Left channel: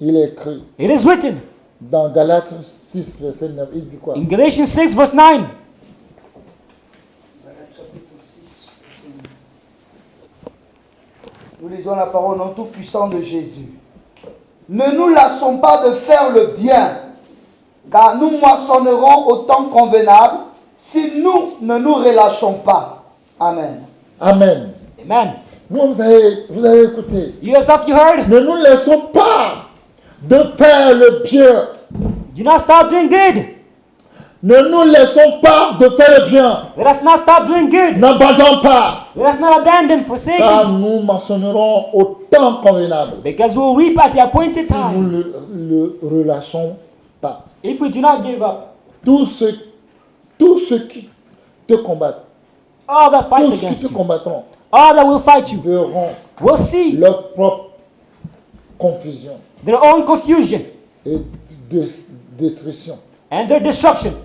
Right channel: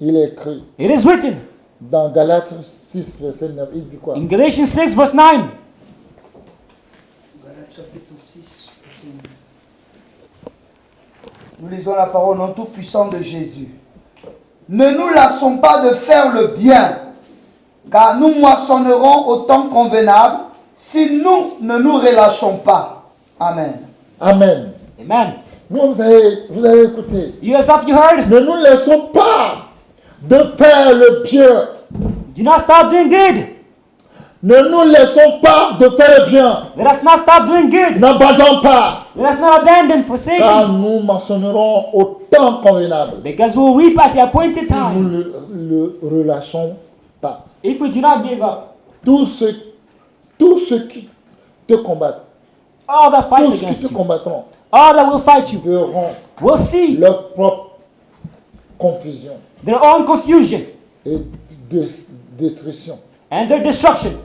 Il est écrit It is written dans Galates 6, verset 9. Il dit quoi? in Galatians 6, verse 9. Galates chapitre 6, verset 9. Nous lisons la parole non tout puissant de Jésus. Ne nous lassons pas de faire le bien, car nous moissonnerons au temps convenable si nous ne nous relâchons pas. Amen. Amen. Amen. Vous avez écouté. You yourself, you heard. Ne nous laissons pas de faire le bien. Do not stop doing good. Ne nous laissons pas de faire le bien. Let us not stop doing good. N'abandonnons pas, Let us not abandon for sin. car nous mentionnerons au temps convenable Because we will reap at the appointed si time. nous le relâchons pas. If we do not give up, Tous ceux qui te combattent, all that tous fight ceux qui te against, combattront, all that will fight you, verront will see leur propre confusion their own confusion et destruction, and their destruction.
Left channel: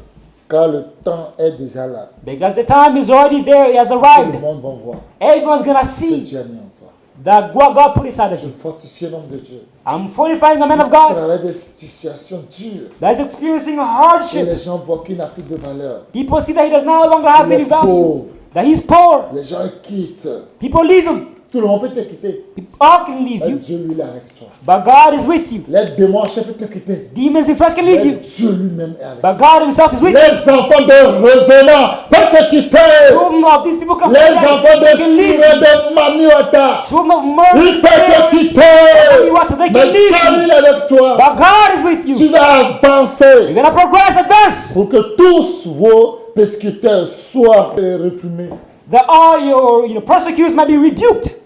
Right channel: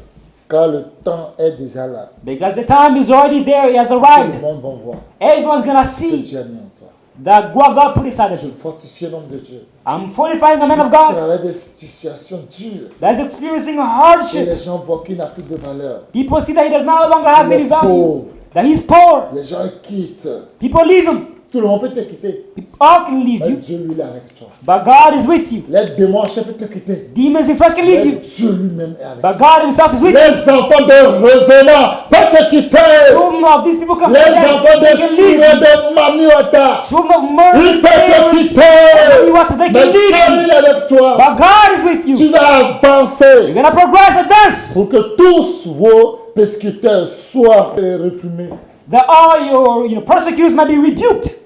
car le temps est déjà là. Because the time is already there, it has Tout le arrived. monde va voir Everyone's gonna que see Dieu a mis en toi. that what God put inside Je them. fortifie l'homme de Dieu. I'm fortifying the man Il of God travaille des situations dures that's experiencing a et hardship. les gens voient qu'il n'a plus de valeur. People see that he does no longer have Il any est value, pauvre. that he's poor. Les gens le quittent. People leave him. Tout le monde peut te quitter. All can leave Mais you. Dieu lui est avec toi. But God is with you. Les démons peuvent te quitter. Demons and flesh can Mais leave you. Dieu lui-même est avec toi. But God himself is with you. Les enfants de revenants peuvent te quitter. Children of these people come Les together. enfants de They can leave Siré, you. de Maniota, Children of ils murder. peuvent te quitter. Mais Dieu lui est avec toi. But God is with Tu you. vas avancer You're gonna progress and dance. pour que tous vos persécuteurs soient réprimés That all your persecutors might be rebuked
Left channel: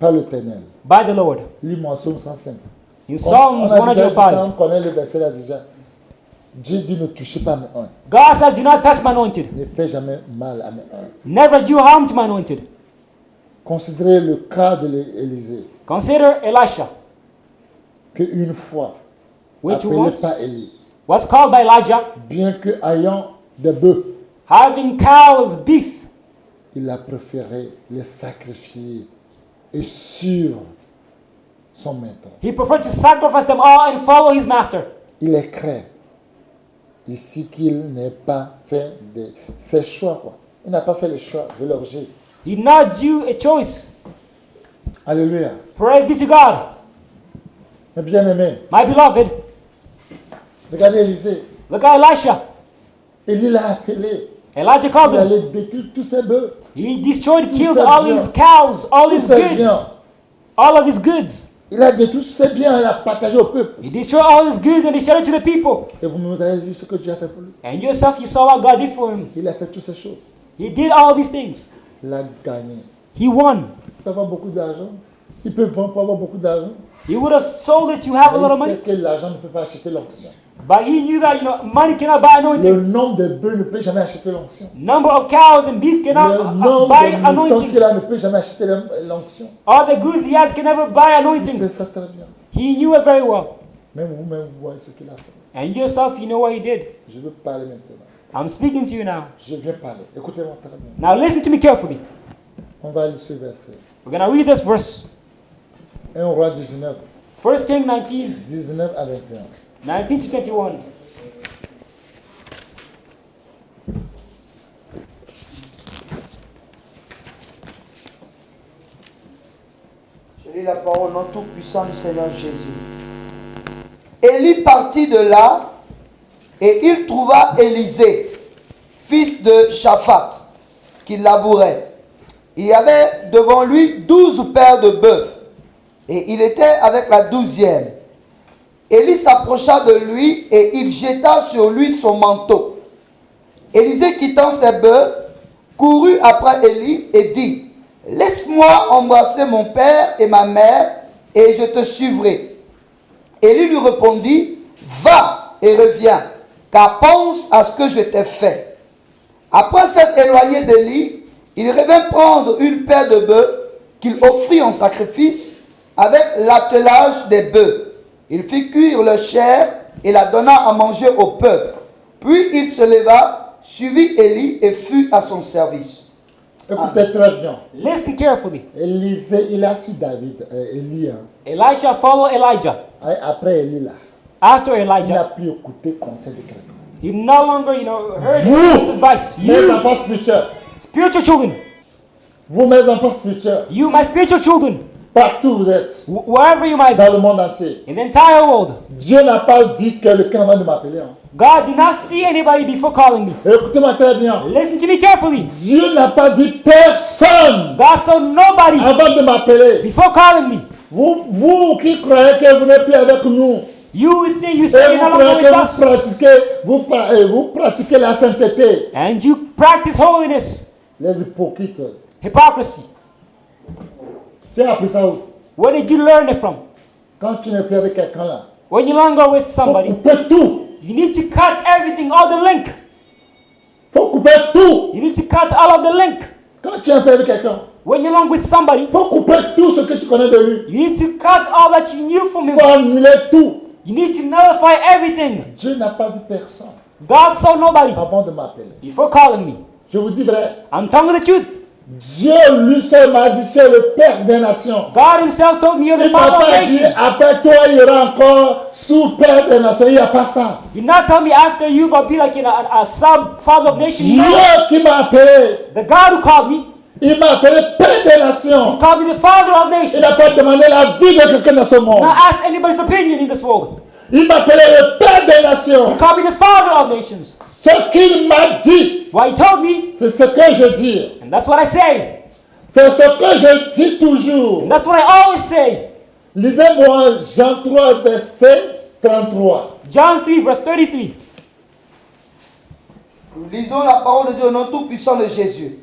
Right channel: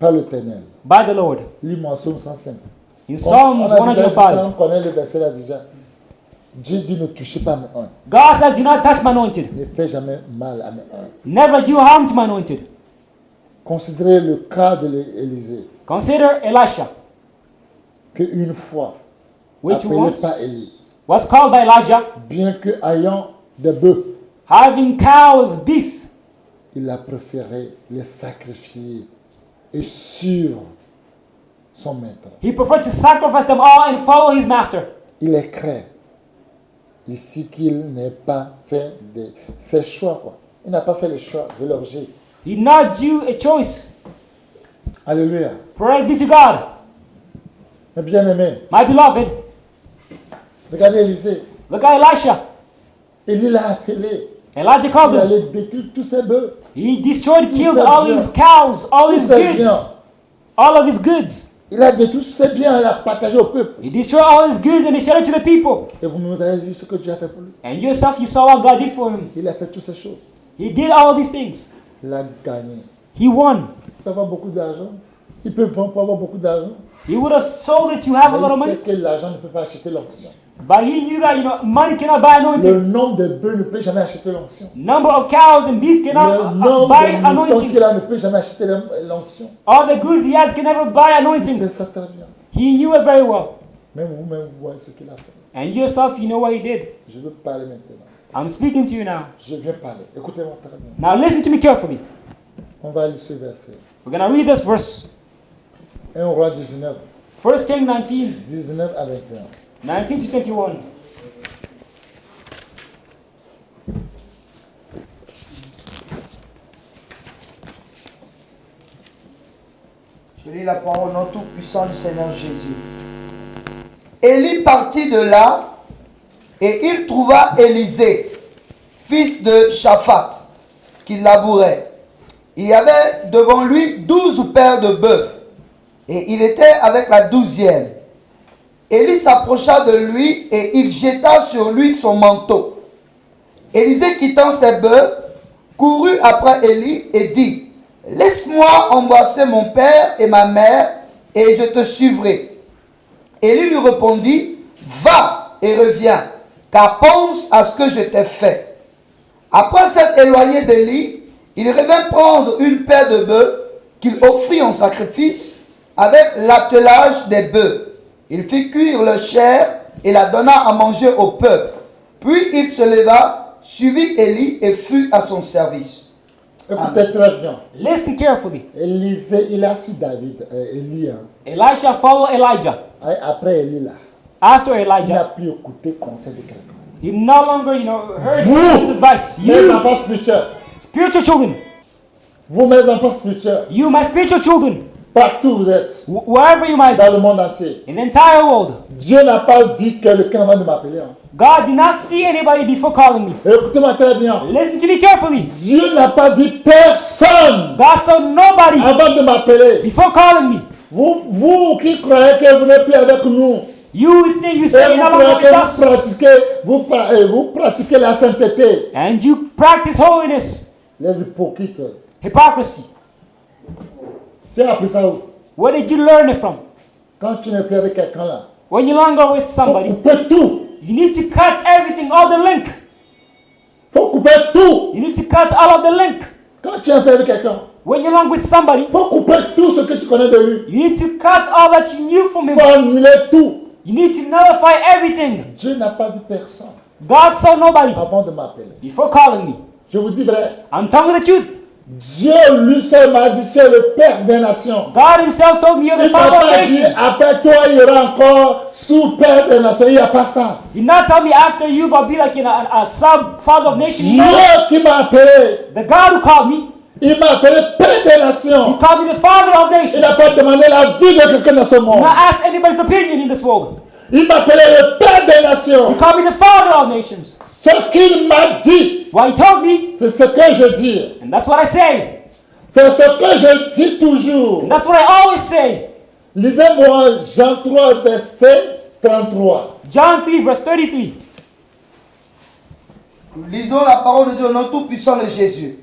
par l'Éternel. by the Lord. Lis-moi Psaume 105. In Comme Psalm on a déjà dit 105, ça, on connaît le verset là déjà. Dieu dit ne touchez pas mes uns. God says, do not touch my anointed. Ne fais jamais mal à mes uns. Never do harm to my anointed. Considérez le cas de l'Élysée, Consider Elisha, qu'une fois, which appelé par Élie, was called by Elijah, bien que ayant des bœufs, having cows, beef. il a préféré les sacrifier et suivre son maître. He preferred to sacrifice them all and follow his master. Il est craint ici qu'il n'ait pas fait ses choix, quoi. Il n'a pas fait le choix de l'orgie. He did not do a choice. Alléluia. Praise be to God. Mais bien aimé, My beloved, regardez Élisée. look at Elisha. Élie l'a appelé. Elijah Il called him. allait détruire tous ses bœufs. He destroyed, Tout killed ça all bien. his cows, all Tout his ça goods. bien. All of his goods. Il a détruit tous ses biens, il a partagé au peuple. He destroyed all his goods and he shared it to the people. Et vous avez vu ce que Dieu a fait pour lui. And yourself, you saw what God did for him. Il a fait toutes ces choses. He did all these things. Il a gagné. He won. Il peut avoir beaucoup d'argent. Il peut vendre pour avoir beaucoup d'argent. He would have sold it to have Mais a il little sait bit. que l'argent ne peut pas acheter l'onction. But he knew that, money cannot buy anointing. Le nombre de bœufs ne peut jamais acheter l'onction. Number of cows and beef Le cannot nombre buy de moutons anointing. qu'il a ne peut jamais acheter l'onction. All the goods he has can never buy Il anointing. sait ça très bien. He knew it very well. Même vous-même, vous voyez ce qu'il a fait. And yourself, you know what he did. Je veux parler maintenant. I'm speaking to you now. Je viens parler. Écoutez-moi très bien. Now listen to me carefully. On va lire ce verset. We're going to read this verse. 1 Roi 19, 1 Kings 19, 19 à 21. 19 to 21. Je lis la parole non tout puissant du Seigneur Jésus. Élie partit de là et il trouva Élisée, fils de Shaphat, qui labourait. Il y avait devant lui 12 paires de bœufs et il était avec la 12e. Élie s'approcha de lui et il jeta sur lui son manteau. Élisée, quittant ses bœufs, courut après Élie et dit: laisse-moi embrasser mon père et ma mère, et je te suivrai. Élie lui répondit: va et reviens, car pense à ce que je t'ai fait. Après s'être éloigné d'Élie, il revint prendre une paire de bœufs qu'il offrit en sacrifice avec l'attelage des bœufs. Il fit cuire leur chair et la donna à manger au peuple. Puis il se leva, suivit Élie et fut à son service. Écoutez très bien. Listen carefully. Élisée, il a su David, Élie. Hein. Elisha followed Elijah. Après Élie, là, After il n'a Elijah, plus écouté le conseil de quelqu'un. he no longer, heard Vous, his advice. mes enfants spirituels, Spiritual children, vous, mes enfants spirituels, you, my spiritual children, partout où vous êtes, wherever you might dans le monde entier, be, in the entire world, Dieu n'a pas dit quelqu'un avant de m'appeler. Hein. God did not see anybody before calling me. Écoutez-moi très bien. Listen to me carefully. Dieu n'a pas dit personne God saw nobody avant de m'appeler. before calling me. Vous qui croyez que vous n'êtes plus avec nous, You would say you et say vous you're croyez not que with us, vous pratiquez la sainteté, and you practice holiness, les hypocrites. hypocrisy. Tu as appris ça où? Where did you learn it from? Quand tu n'es plus avec quelqu'un là, When you don't go with il faut somebody, couper tout. you need to cut everything, all the link. Il faut couper tout. You need to cut all of the link. Quand tu es un peu avec quelqu'un, When you're not with somebody, il faut couper tout ce que tu connais de lui. you need to cut all that you knew from Il faut him. annuler tout. You need to nullify everything. Dieu n'a pas vu personne God saw nobody avant de m'appeler. before calling me. Je vous dis vrai. I'm telling the truth. Dieu lui seul m'a dit, tu es le Père des nations. God himself told me you're Il the ne m'a father pas of dit, nations. après toi, il y aura encore sous-Père des nations. Il n'y a pas ça. He not told me after you will be like a sub-father of nations. Dieu qui m'a appelé, The God who called me, il m'a appelé Père des nations. he called me the father of Il nations. n'a pas demandé la vie de quelqu'un dans ce monde. Not ask anybody's opinion in this world. Il m'a appelé le Père des nations. He called me the father of nations. Ce qu'il m'a dit, What he told me, c'est ce que je dis. and that's what I say. C'est ce que je dis toujours. That's what I always say. Lisez-moi Jean 3, verset 33. John 3, verse 33. Nous lisons la parole de Dieu au nom tout-puissant de Jésus.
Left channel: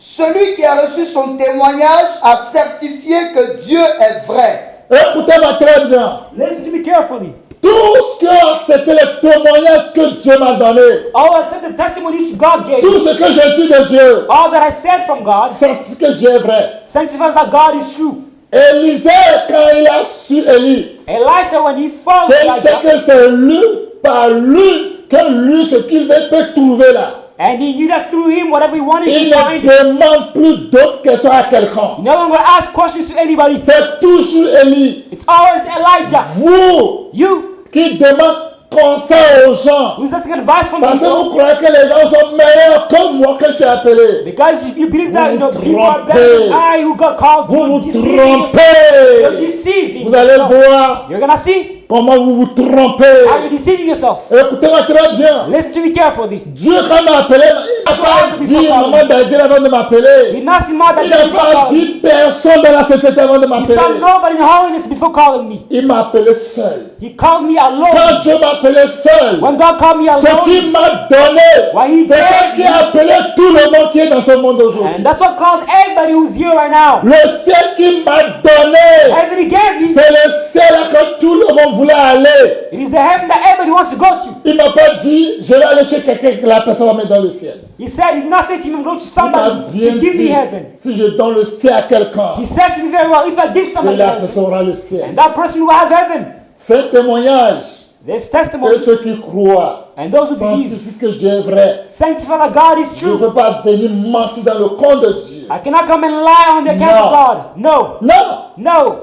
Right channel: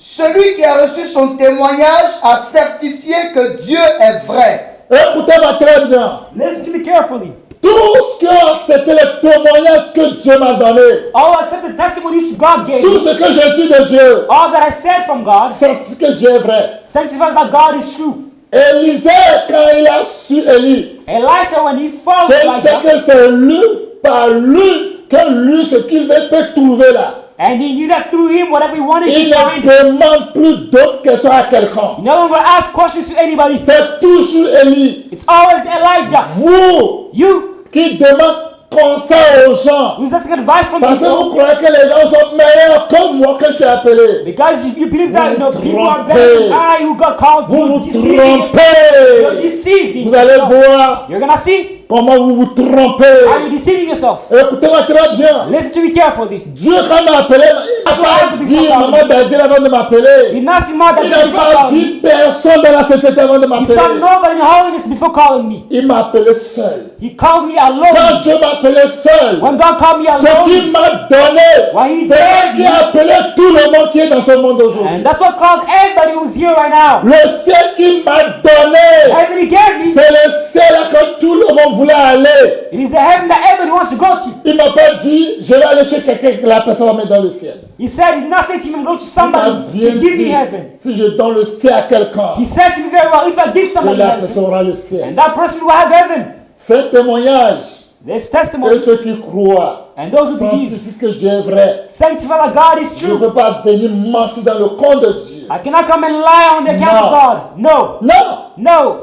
Celui qui a reçu son témoignage a certifié que Dieu est vrai. Écoutez-moi très bien. Listen to me carefully. Tout ce que c'était le témoignage que Dieu m'a donné, All accept the testimony which God gave. tout ce que je dis de Dieu, All that I said from God, certifie que Dieu est vrai. sanctifies that God is true. Élisée, quand il a su Élie, Elijah, when he found qu'il sait que c'est lui, par lui, que lui, ce qu'il veut, peut trouver là. and he knew that through him, whatever he wanted Il to ne find, demande plus d'autres questions à quelqu'un. no one will ask questions to anybody. C'est toujours Élie. It's always Elijah. Vous You, qui demandez conseil aux gens. who's asking advice from Parce que people. vous croyez que les gens sont meilleurs que moi que tu as appelé. Because you believe Vous that vous the people are trompez. better than I who got called. Vous vous You're trompez. deceiving. Vous allez voir You're gonna see comment vous vous trompez. how you deceive yourself. Écoutez-moi très bien. Listen to me carefully. Dieu, quand il m'a appelé, il n'a pas dit maman Dadiel avant de m'appeler. He's not smart. Il n'a pas dit personne dans la société avant de He m'appeler. saw nobody in holiness before calling me. Il m'a appelé seul. He called me alone. Quand Dieu m'a appelé seul, When God called me ce alone, qu'il m'a donné, c'est ça qui a appelé tout le monde qui est dans ce monde aujourd'hui. and that's what called everybody who's here right now. Le ciel qu'il m'a donné, Everybody gave me. c'est le ciel que tout le monde voulait aller. It is the heaven that everybody wants to go to. Il m'a pas dit, je vais aller chez quelqu'un que la personne va mettre dans le ciel. He said, he's not saying to me, go to Il m'a somebody, bien give me dit, heaven. si je donne le ciel à quelqu'un, He said to me very well, if I give que somebody la heaven, personne aura le ciel. that person will have heaven. Ce témoignage, There's et testimony. ceux qui croient, And those who believe, sanctifient que Dieu est vrai. sanctify that God is Je ne true. peux pas venir mentir dans le compte de Dieu. I cannot come and lie on the No. account of God. No. Non. No.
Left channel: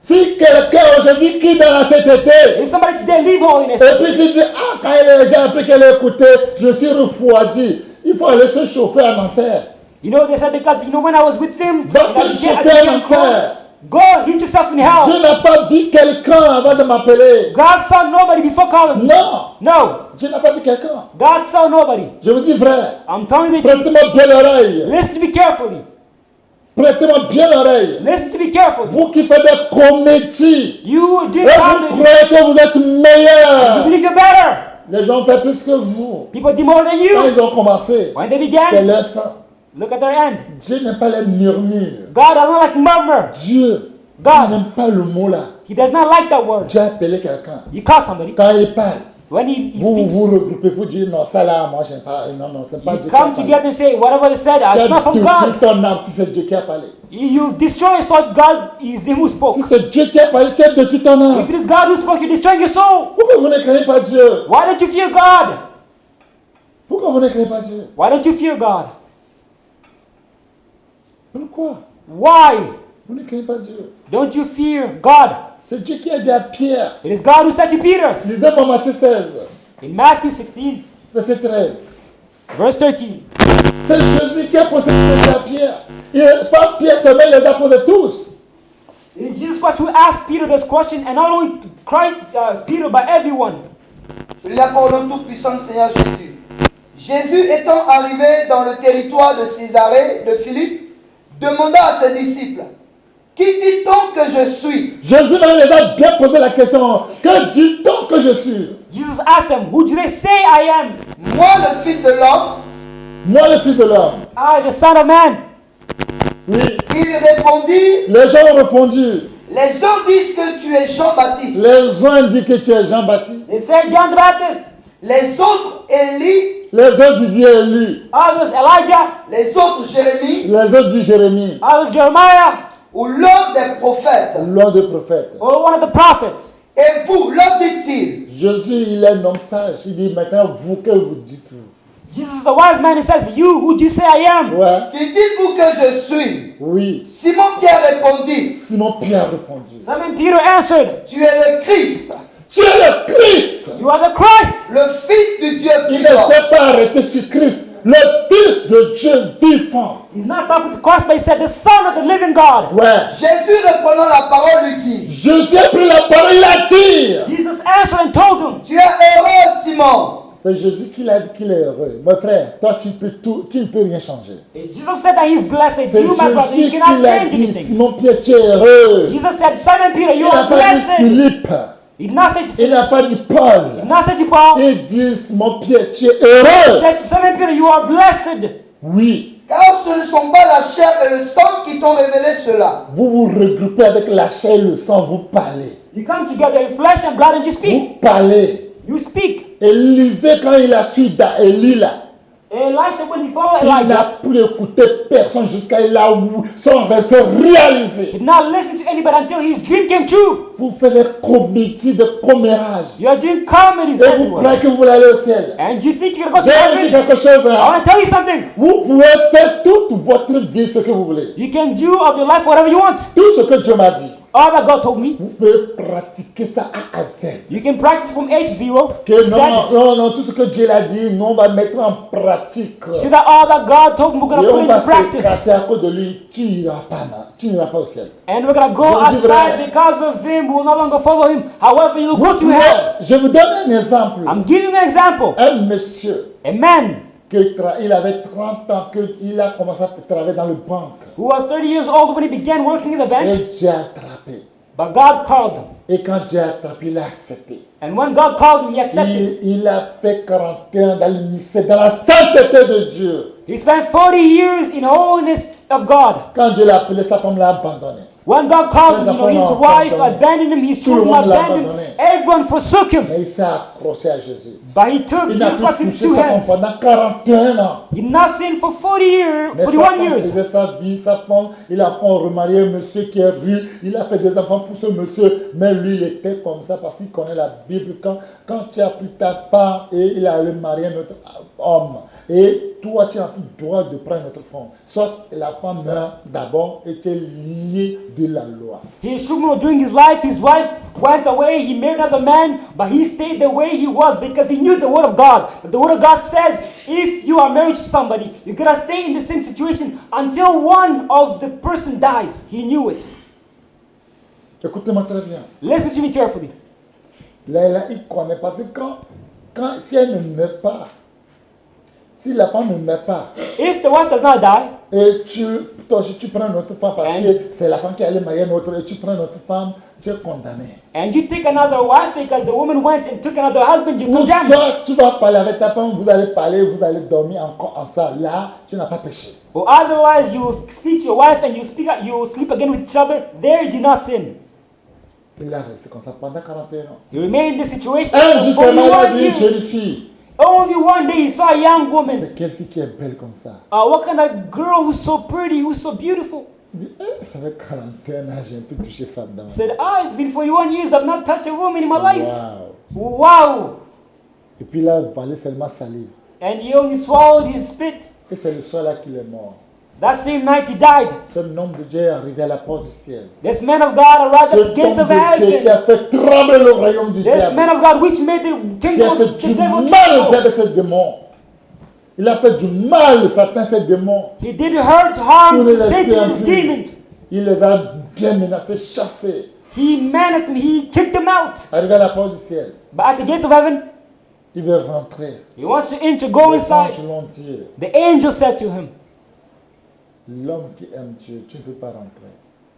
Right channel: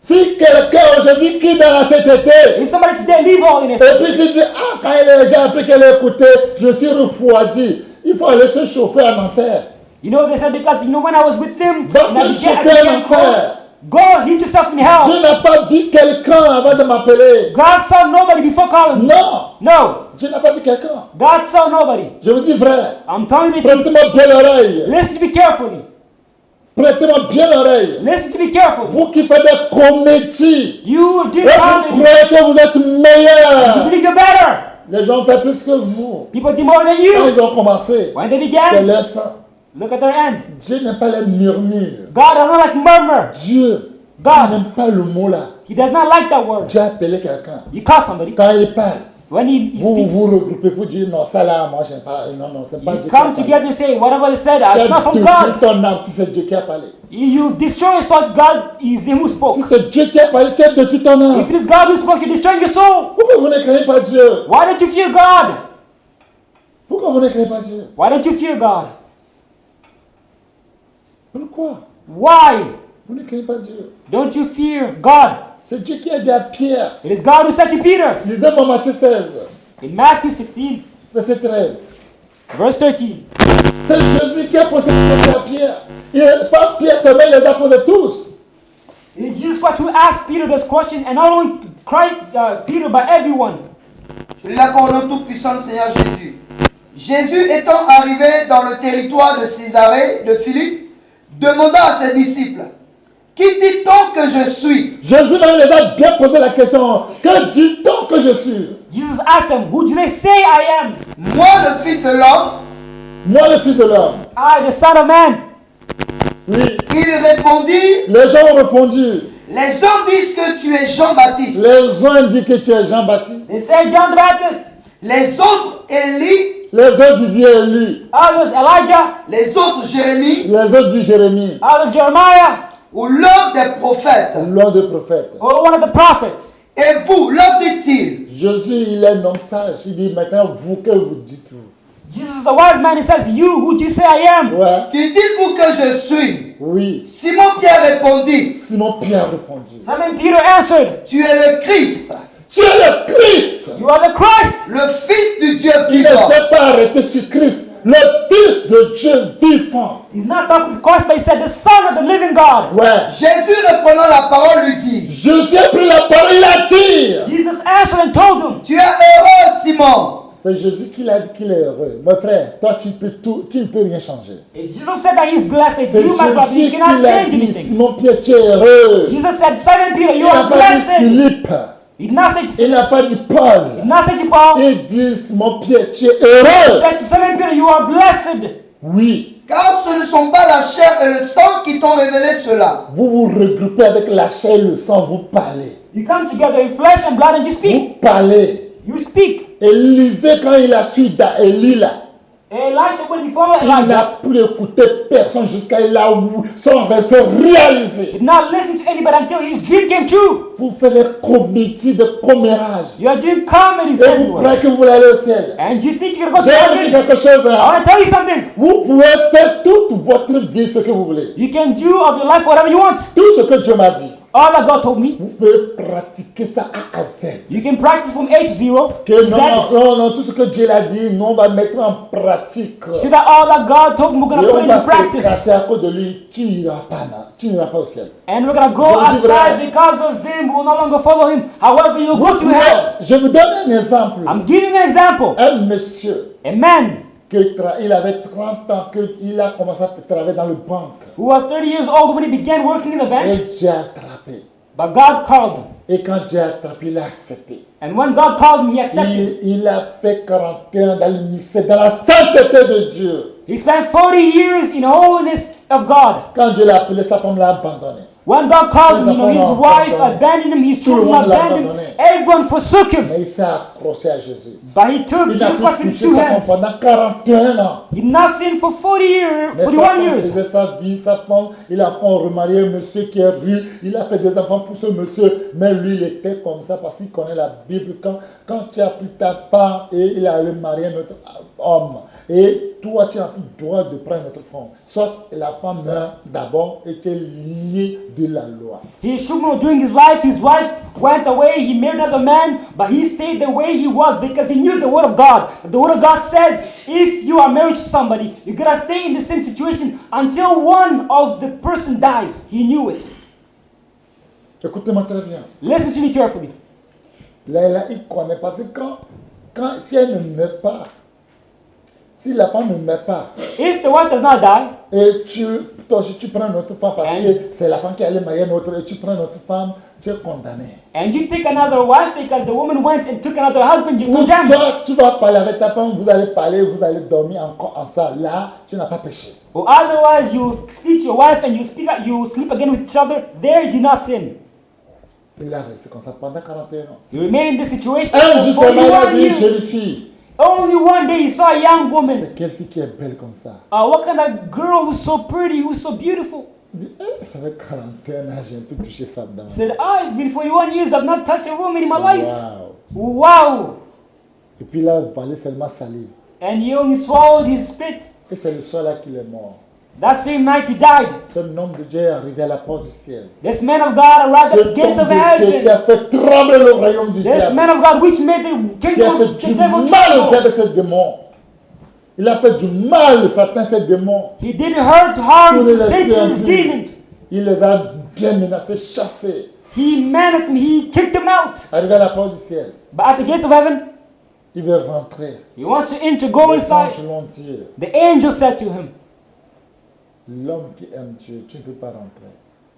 Si quelqu'un aujourd'hui quitte dans la sainteté, If somebody today leave holiness, et puis tu dis, ah, quand il a déjà appris qu'elle a écouté, je suis refroidi. Il faut aller se chauffer en enfer. you know, they said because, you know, when I was with them, Va te chauffer en enfer. go and heat yourself in hell. Dieu n'a pas vu quelqu'un avant de m'appeler. God saw nobody before calling. Non. No. Dieu n'a pas vu quelqu'un. God saw nobody. Je vous dis vrai. I'm telling you. Prêtez-moi bien l'oreille. Listen to me carefully. Prêtez-moi bien l'oreille. Listen to me carefully. Vous qui faites des comédies, You et did vous not croyez que vous êtes meilleurs. believe you're better. Les gens font plus que vous. People did more than Quand you. ils ont commencé, When they c'est began, leur fin. look at their end. Dieu n'aime pas les murmures. God does not like murmur. Dieu n'aime pas le mot là. He does not like that word. Dieu a appelé quelqu'un. He called somebody. Quand il parle, When he vous speaks, vous regroupez pour dire non, ça là, moi j'aime pas. Non, non, c'est pas Dieu qui a come parlé. together and say, whatever it said, Tu as it's not from détruit God. ton âme si c'est Dieu qui a parlé. You destroy yourself, God is him who spoke. Si c'est Dieu qui a parlé, tu as détruit ton âme. If it's God who spoke, you destroy your soul. Pourquoi vous ne craignez pas Dieu? Why don't you fear God? Pourquoi vous ne craignez pas Dieu? Why don't you fear God? Pourquoi? Why Vous ne craignez pas Dieu? don't you fear God? C'est Dieu qui a dit à Pierre. It is God who said to Peter Lisez-moi Matthieu 16, in Matthew 16, verset 13. verse 13. C'est Jésus qui a posé cette question à Pierre. Pas Pierre seulement, il les a posés tous. It is Jesus Christ who asked Peter this question, and not only Christ, Peter, but everyone. Je lis la parole tout-puissant du Seigneur Jésus. Jésus étant arrivé dans le territoire de Césarée de Philippe, demanda à ses disciples, qui dit-on que je suis? Jésus même les a bien posé la question. Que dit-on que je suis? Jesus asked them, who do they say I am? Moi, le Fils de l'homme. Moi, le Fils de l'homme. I, the Son of Man. Oui. Il répondit, Les gens ont répondu. les hommes disent que tu es Jean-Baptiste. Les uns disent que tu es Jean-Baptiste. They say John the Baptist. Les autres Élie. Les autres disent Élie. Others Elijah. Les autres Jérémie. Les autres disent Jérémie. Others Jeremiah. Ou l'un des prophètes. L'un des prophètes. Or one of the prophets. Et vous, l'homme dit-il. Jésus, il est un homme sage. Il dit maintenant, vous, que vous dites-vous? Jesus is the wise man. He says, you, who do you say I am? Ouais. Qui dites-vous que je suis? Oui. Simon Pierre répondit, Simon Pierre répondit. Simon Peter answered, tu es le Christ, Tu es le Christ. you are the Christ. le Fils du Dieu Il ne vivant. s'est pas arrêté sur Christ, le Fils de Dieu vivant. He's not talking with Christ, but he said, the Son of the living God. Ouais. Jésus répondant la parole lui dit, Jésus a pris la parole, il a dit. Jesus answered and told him, tu es heureux Simon, C'est Jésus qui l'a dit qu'il est heureux. Mon frère, toi tu peux tout, tu ne peux rien changer. it's Jesus said that he's blessed. C'est You, my brother, Jésus you qui cannot l'a change dit. anything. Simon Pierre, tu es heureux. Jesus said, Simon Peter, Il you n'a are pas dit blessed. Philippe. He did not say, Il n'a pas dit Paul. he did not say to Paul. Il dit Simon Pierre, tu es He heureux. said to Simon Peter, you are blessed. Oui. car ce ne sont pas la chair et le sang qui t'ont révélé cela, Vous vous regroupez avec la chair et le sang, vous parlez. You come together in flesh and blood and you Vous speak. parlez. You speak. Élisée, quand il a su Élie là, Elisha, when he followed il Elijah, n'a plus écouté personne jusqu'à là où son rêve s'est réalisé. did not listen to anybody until his dream came true. Vous faites des comédies de commérage. You are doing comedy. Et vous croyez que vous voulez aller au ciel. And you think you're going Je vais vous dire to quelque chose. I Hein. want to tell you something. Vous pouvez faire toute votre vie ce que vous voulez. You can do of your life whatever you want. Tout ce que Dieu m'a dit. All that God told me. Vous pouvez pratiquer ça A à Z. You can practice from age 0. Que non, tout ce que Dieu l'a dit, nous on va mettre en pratique. So that all that God told me, Et on we're va going to practice. s'écraser à cause de lui. Tu n'iras pas, tu n'iras pas au ciel. And we're going to Je go vous dis vrai. outside because of him. We'll no longer follow him. However, you'll Vous go to pouvez, hell. je vous donne un exemple. I'm giving an example. Un monsieur, A man il avait 30 ans, qu'il a commencé à travailler dans le banque. who was 30 years old when he began working in the Et bank. Dieu a attrapé. But God called him. Et quand Dieu a attrapé, il a accepté. And when God called him, he accepted. Il a fait 41 ans dans le ministère, dans la sainteté de Dieu. He spent 40 years in holiness of God. Quand Dieu l'a appelé, sa femme l'a abandonné. When God called Ses him, enfants l'ont his wife abandonné. abandoned him, his Tout le children monde l'a abandoned him. abandonné. Everyone forsook him. Mais il s'est accroché à Jésus. But he took Il n'a Jesus pu in toucher two sa femme hands. pendant 41 ans. He did not sin for 40 years. Mais sa 41 femme years. faisait sa vie, sa femme, il a remarié un monsieur qui est riche, il a fait des enfants pour ce monsieur, mais lui il était comme ça parce qu'il connaît la Bible. Quand tu as pris ta femme et il a remarié un autre homme, et toi tu n'as plus le droit de prendre notre femme, soit la femme meurt d'abord et tu es lié de la loi. He should not doing his wife went away, he married another man, but he stayed the way he was because he knew the word of God. The word of God says, if you are married to somebody, you're going to stay in the same situation until one of the person dies. He knew it. Écoutez-moi très bien. Listen to me carefully. Là, il connaît parce que si elle ne meurt pas, si la femme ne meurt pas, If the wife does not die, et toi aussi tu prends notre femme parce que c'est la femme qui allait marier une autre et tu prends notre femme, tu es condamné. and you take another wife because the woman went and took another husband, you Ou condemn. soit tu vas parler avec ta femme, vous allez parler, vous allez dormir encore ensemble. Là, tu n'as pas péché. Or otherwise, you will speak to your wife and you will sleep again with each other. There you do not sin. Il a resté comme ça pendant 41 ans. You remain in this situation. Un jour for seulement, il a 41 vu une years. jeune fille. Only one day you saw a young woman. C'est quelle fille qui est belle comme ça? What kind of girl who's so pretty, who's so beautiful? Il dit, ça fait 41 ans, j'ai un peu touché femme dans ma vie. Said, it's been 41 years I've not touched a woman in my life. Wow. Wow. Et puis là, il valait seulement salive. And he only swallowed his spit. Et c'est le soir là qu'il est mort. That same night he died. Ce homme de Dieu est arrivé à la porte du ciel. This man of God arrived at Cet the homme gates of de Dieu qui heaven. a fait trembler le royaume du This diable. man of God which made the Qui a fait du mal au diable et ses démons. Il a fait du mal, Satan, ses démons. He did hurt Tous hard les to esprits Satan his impurs. demons. Il les a bien menacés, chassés. He menaced me. He kicked them out. Arrivé à la porte du ciel, But at the gates of heaven, il veut rentrer. he wants to enter, go Les inside. anges l'ont dit. The angel said to him, L'homme qui aime Dieu, tu ne peux pas rentrer.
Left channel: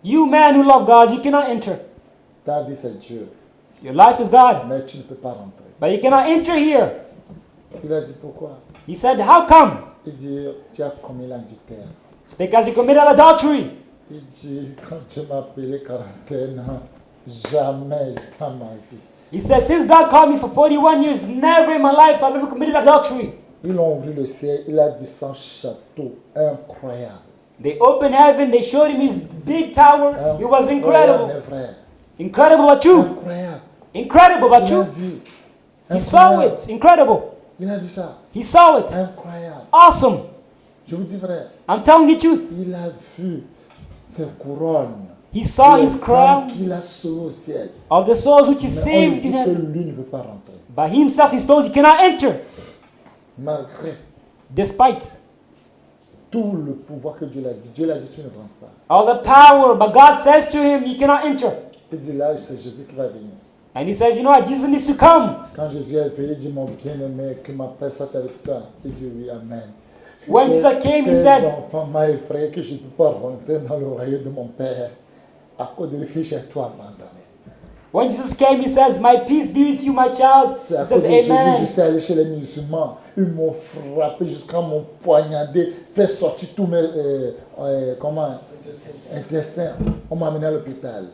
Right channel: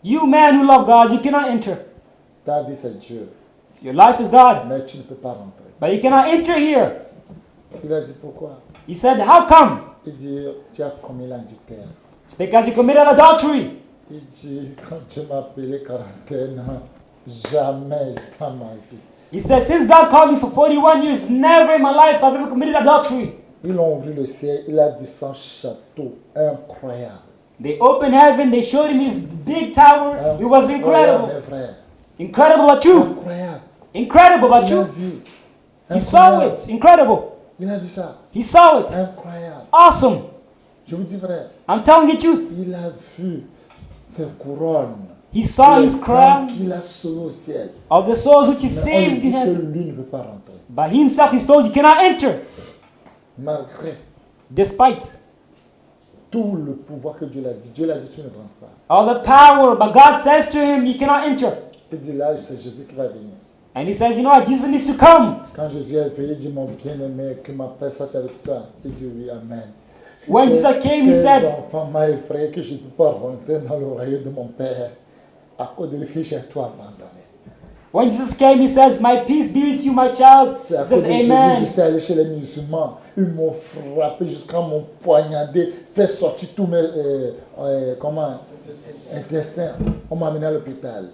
"You man who love God, you cannot enter. Ta vie, c'est Dieu. Your life is God, Mais tu ne peux pas rentrer. but you cannot enter here." Il a dit pourquoi? He said, "How come?" Il dit, tu as commis l'adultère. Because he committed adultery. Il dit, quand Dieu m'a appelé 41 ans, jamais dans ma vie. He said, "Since God called me for 41 years, never in my life I've ever committed adultery." Ils ont ouvert le ciel, il a vu son château incroyable. They opened heaven, they showed him his big tower. It was Incroyable, incredible. mes frères. Incredible but true. Incroyable. Incredible but Il a true. vu. He saw Incroyable. it. It's incredible. Il a vu ça. He saw it. Incroyable. Awesome. Je vous dis vrai. I'm telling you the truth. Il a vu ses couronnes. He saw his Les âmes crown qu'il a sauvées au ciel. of the souls which he Mais on lui saved. dit que lui ne peut pas rentrer. But himself, he told he cannot enter. Malgré Despite tout le pouvoir que Dieu l'a dit. Dieu l'a dit, tu ne rentres pas. all the power, but God says to him, he cannot enter. Il dit là, c'est Jésus qui va venir. And he says, you know what, Jesus needs to come. Quand Jésus est venu, il dit, mon bien-aimé, que ma paix soit avec toi. Il dit oui, amen. When Jesus came, he Tes said, enfants m'ont effrayé que je ne peux pas rentrer dans le royaume de mon Père à cause de qui j'ai tout abandonné. when Jesus came, he says, my peace be with you, my child. C'est à He cause de says, Jésus que je amen. suis allé chez les musulmans. Ils m'ont frappé jusqu'à m'ont poignardé, fait sortir tous mes intestins. On m'a amené à l'hôpital.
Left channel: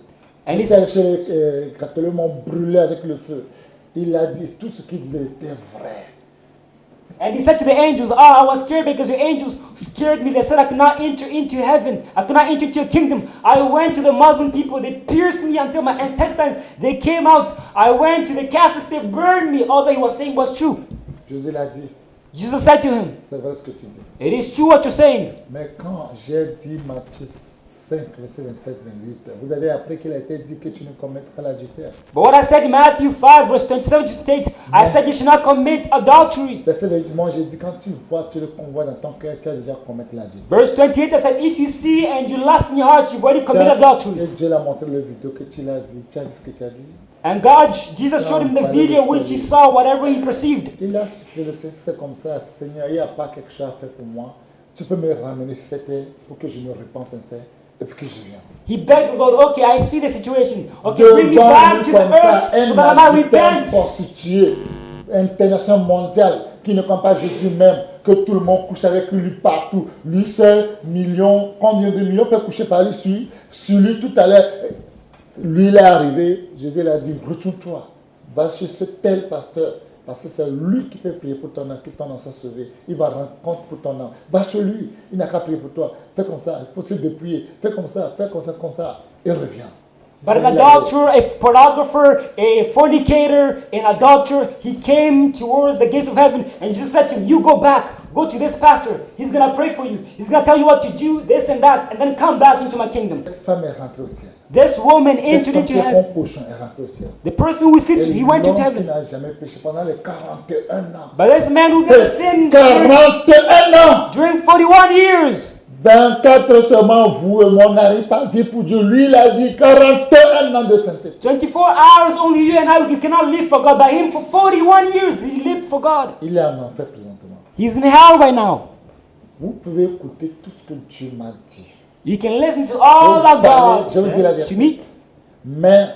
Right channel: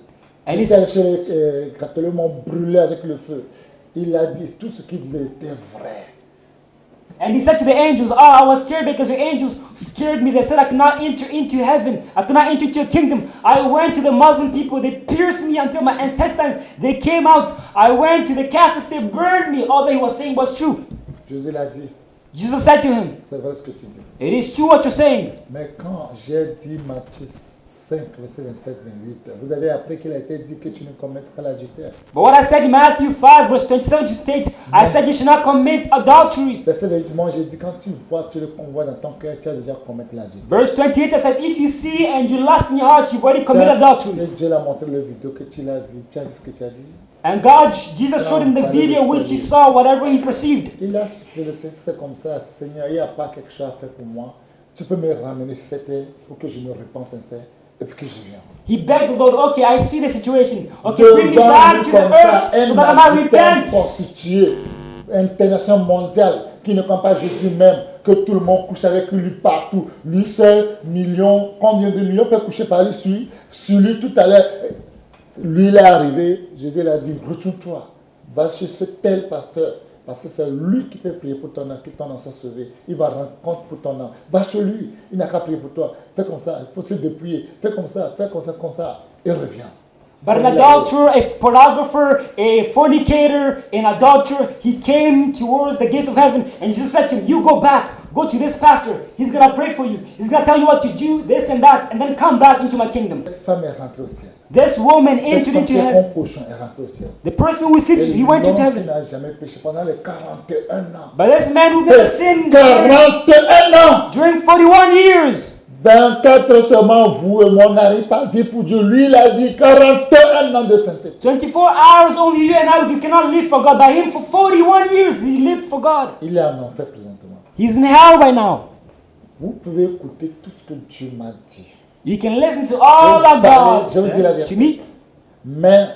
Je suis allé chez les catholiques, ils m'ont brûlé avec le feu. Il a dit tout ce qu'il disait était vrai. And he said to the angels, I was scared because the angels scared me. They said I cannot enter into heaven. I cannot enter into the kingdom. I went to the Muslim people. They pierced me until my intestines. They came out. I went to the Catholics. They burned me. All that he was saying was true. Jésus l'a dit, Jesus said to him, c'est vrai ce que tu dis. it is true what you're saying. Mais quand j'ai dit Matthieu 5, verset 27, 28, vous avez appris qu'il a été dit que tu ne commettras l'adultère. But what I said in Matthew 5, verse 27 states, I said you should not commit adultery. Verset 28, moi j'ai dit, quand tu vois, tu le convois dans ton cœur, tu as déjà commettre l'adultère. Verse 28, I said, if you see and you lust in your heart, you've already committed adultery. Et Dieu l'a montré le vidéo que tu l'as vu, tu as dit ce que tu as dit. And God, Jesus showed him the video which he saw, whatever he perceived. Il a supplié le Seigneur, c'est comme ça, Seigneur, il n'y a pas quelque chose à faire pour moi. Tu peux me ramener sur cette terre pour que je me répands sincère et puis que je vienne. He begged the Lord, okay, I see the situation. Okay, bring me Devant back lui to comme the ça, earth, un so that I adultère repent. constitué, international mondial, qui ne comprend pas Jésus même, que tout le monde couche avec lui partout. Lui seul, millions, combien de millions peuvent coucher par lui sur lui tout à l'heure. Lui, il est arrivé, Jésus l'a dit, retourne-toi, va chez ce tel pasteur, parce que c'est lui qui peut prier pour ton âme, que ton âme soit sauvée. Il va rendre compte pour ton âme. Va chez lui, il n'a qu'à prier pour toi. Fais comme ça, il faut se dépouiller. Fais comme ça, et reviens. But an adulterer, a pornographer, a fornicator, an adulterer, he came towards the gates of heaven, and Jesus said to him, you go back, go to this pastor, he's going to pray for you, he's going to tell you what to do, this and that, and then come back into my kingdom. Cette femme est rentrée au ciel. This woman Cette femme entered qui est into comme heaven. cochon est rentrée au ciel. The person who Et sleeps, he went to l'homme qui heaven. n'a jamais péché pendant les 41 ans. But this man who never sinned 41 ans! during 41 years, 24 seulement, vous et moi, on n'arrive pas à vivre pour Dieu. Lui, il a dit 41 ans de sainteté. 24 hours only you and I, we cannot live for God. By him for 41 years, he lived for God. Il est en enfer présentement. He's in hell right now. Vous pouvez écouter tout ce que Dieu m'a dit. You can listen to Je all vais vous of parler, God. je vous dis la vérité. Mais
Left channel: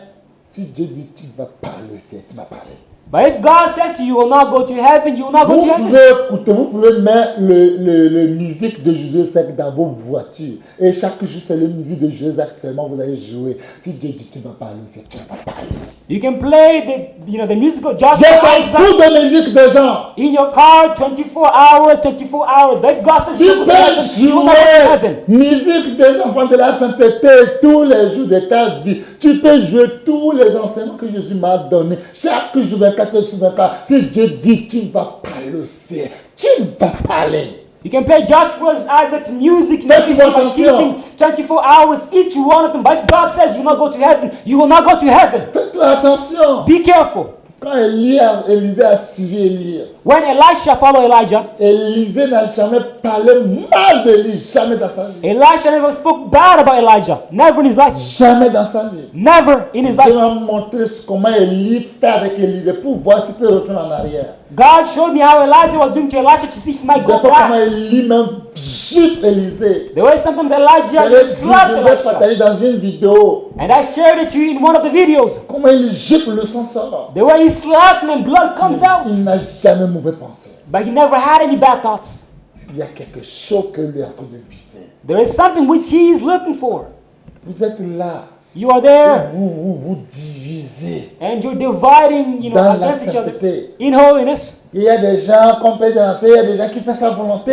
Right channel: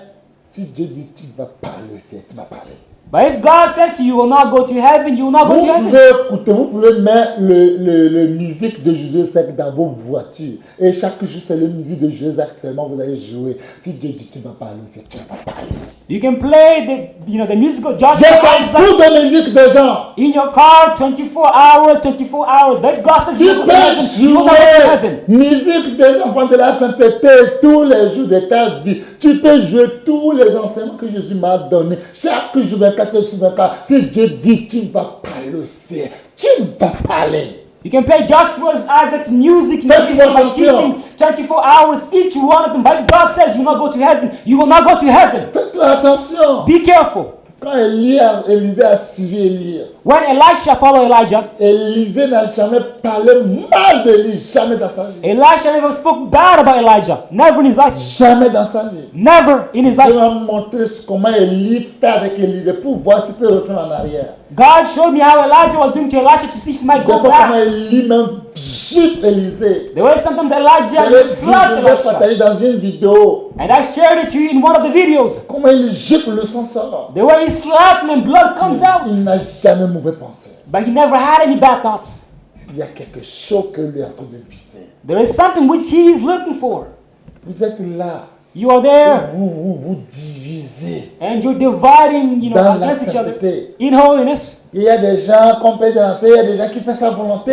si Dieu dit tu vas parler, c'est tu vas parler. But if God says to you, you will not go to heaven, you will not Vous go to heaven. pouvez écouter, vous pouvez mettre le musique de José Sec dans vos voitures. Et chaque jour, c'est le musique de José Sec seulement vous allez jouer. Si Dieu dit tu vas parler, c'est tu vas parler. You can play the musical John Dieu s'en fout de musique des gens. in your car 24 hours, 24 hours. But if God says Tu you will peux go to heaven, jouer musique des enfants de la sainteté tous les jours de ta vie. Tu peux jouer tous les enseignements que Jésus m'a donnés. Chaque jour, 24 heures sur 24. Si Dieu dit tu ne vas pas le faire, tu ne vas pas aller. You can play Joshua's Isaac's music. Faites-vous attention. 24 hours each one of them. But if God says you will not go to heaven, you will not go to heaven. Faites attention. Be careful. Quand Élisée a suivi Élie, When Elisha followed Elijah, Élisée n'a jamais parlé mal d'Élie, jamais dans sa vie. Elisha never spoke bad about Elijah. Never in his life. Jamais dans sa vie. Never in his Dieu life. m'a montré comment Élie fait avec Élisée pour voir s'il peut retourner en arrière. God showed me how Elijah was doing to Elisha to see if he might Des go fois, comment back. Élie même gifle Élisée. The way sometimes Elijah J'avais dit, slapped je vous ai Elisha. partagé dans une vidéo And I shared it to you in one of the videos. comment il gifle, le sang sort. The way he slapped him and blood comes out. Il n'a jamais mauvais pensé. But he never had any bad thoughts. Il y a quelque chose que lui est en train de viser. There is something which he is looking for. Vous êtes là, You are there vous divisez and you're dividing dans la against each other. sainteté. In holiness, Il y a des gens qu'on peut danser, il y a des gens qui font sa volonté.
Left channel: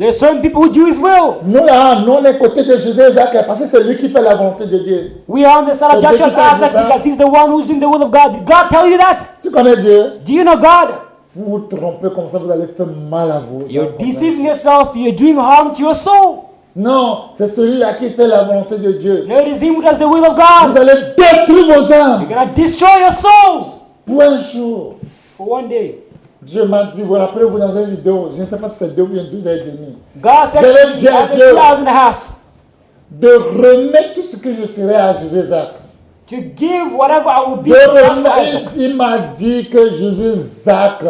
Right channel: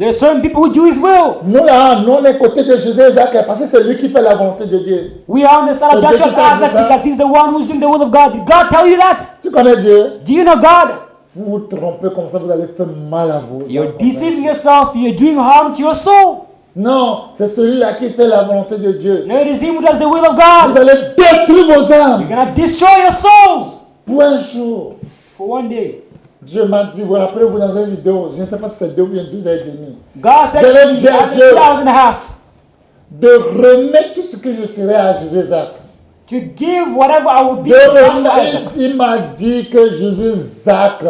there are some people who do his will. Nous là, nous on est côté de Jésus et Isaac parce que c'est lui qui fait la volonté de Dieu. We are on the side C'est of Dieu qui t'a dit God ça. because he's the one who's doing the will of God. Did God tell you that? Tu connais Dieu? Do you know God? Vous vous trompez comme ça, vous allez faire mal à vos âmes comme ça. Deceive yourself, you're doing harm to your soul. Non, c'est celui-là qui fait la volonté de Dieu. There is him who does the will of Vous God. allez détruire vos âmes You're going to destroy your souls pour un jour. for one day. Dieu m'a dit, vous rappelez-vous dans une vidéo, je ne sais pas si c'est 2 ou bien 12 heures et demie, God Je said vais dire à after Dieu. 2 hours and a half de remettre tout ce que je serai à Jésus Isaac. to give whatever I would be. De remettre, il m'a dit que Jésus Isaac,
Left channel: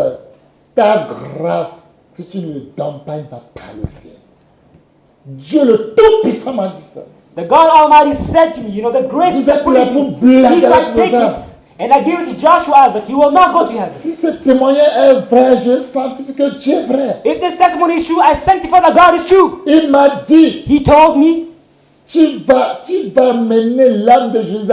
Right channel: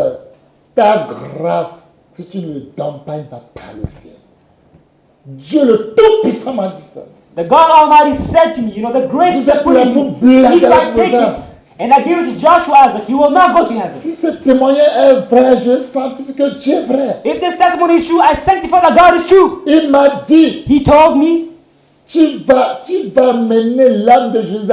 ta grâce, si tu ne le donnes pas, il va parler au ciel. Dieu le Tout-Puissant m'a dit ça. The God Almighty said to me, you know, the grace Vous êtes là pour blaguer avec vos âmes. and I give it to Joshua Isaac, you will not go to heaven. Si ce témoignage est vrai, je sanctifie que Dieu est vrai. If this testimony is true, I sanctify that God is true. Il m'a dit, He told me, tu vas mener l'âme de Jésus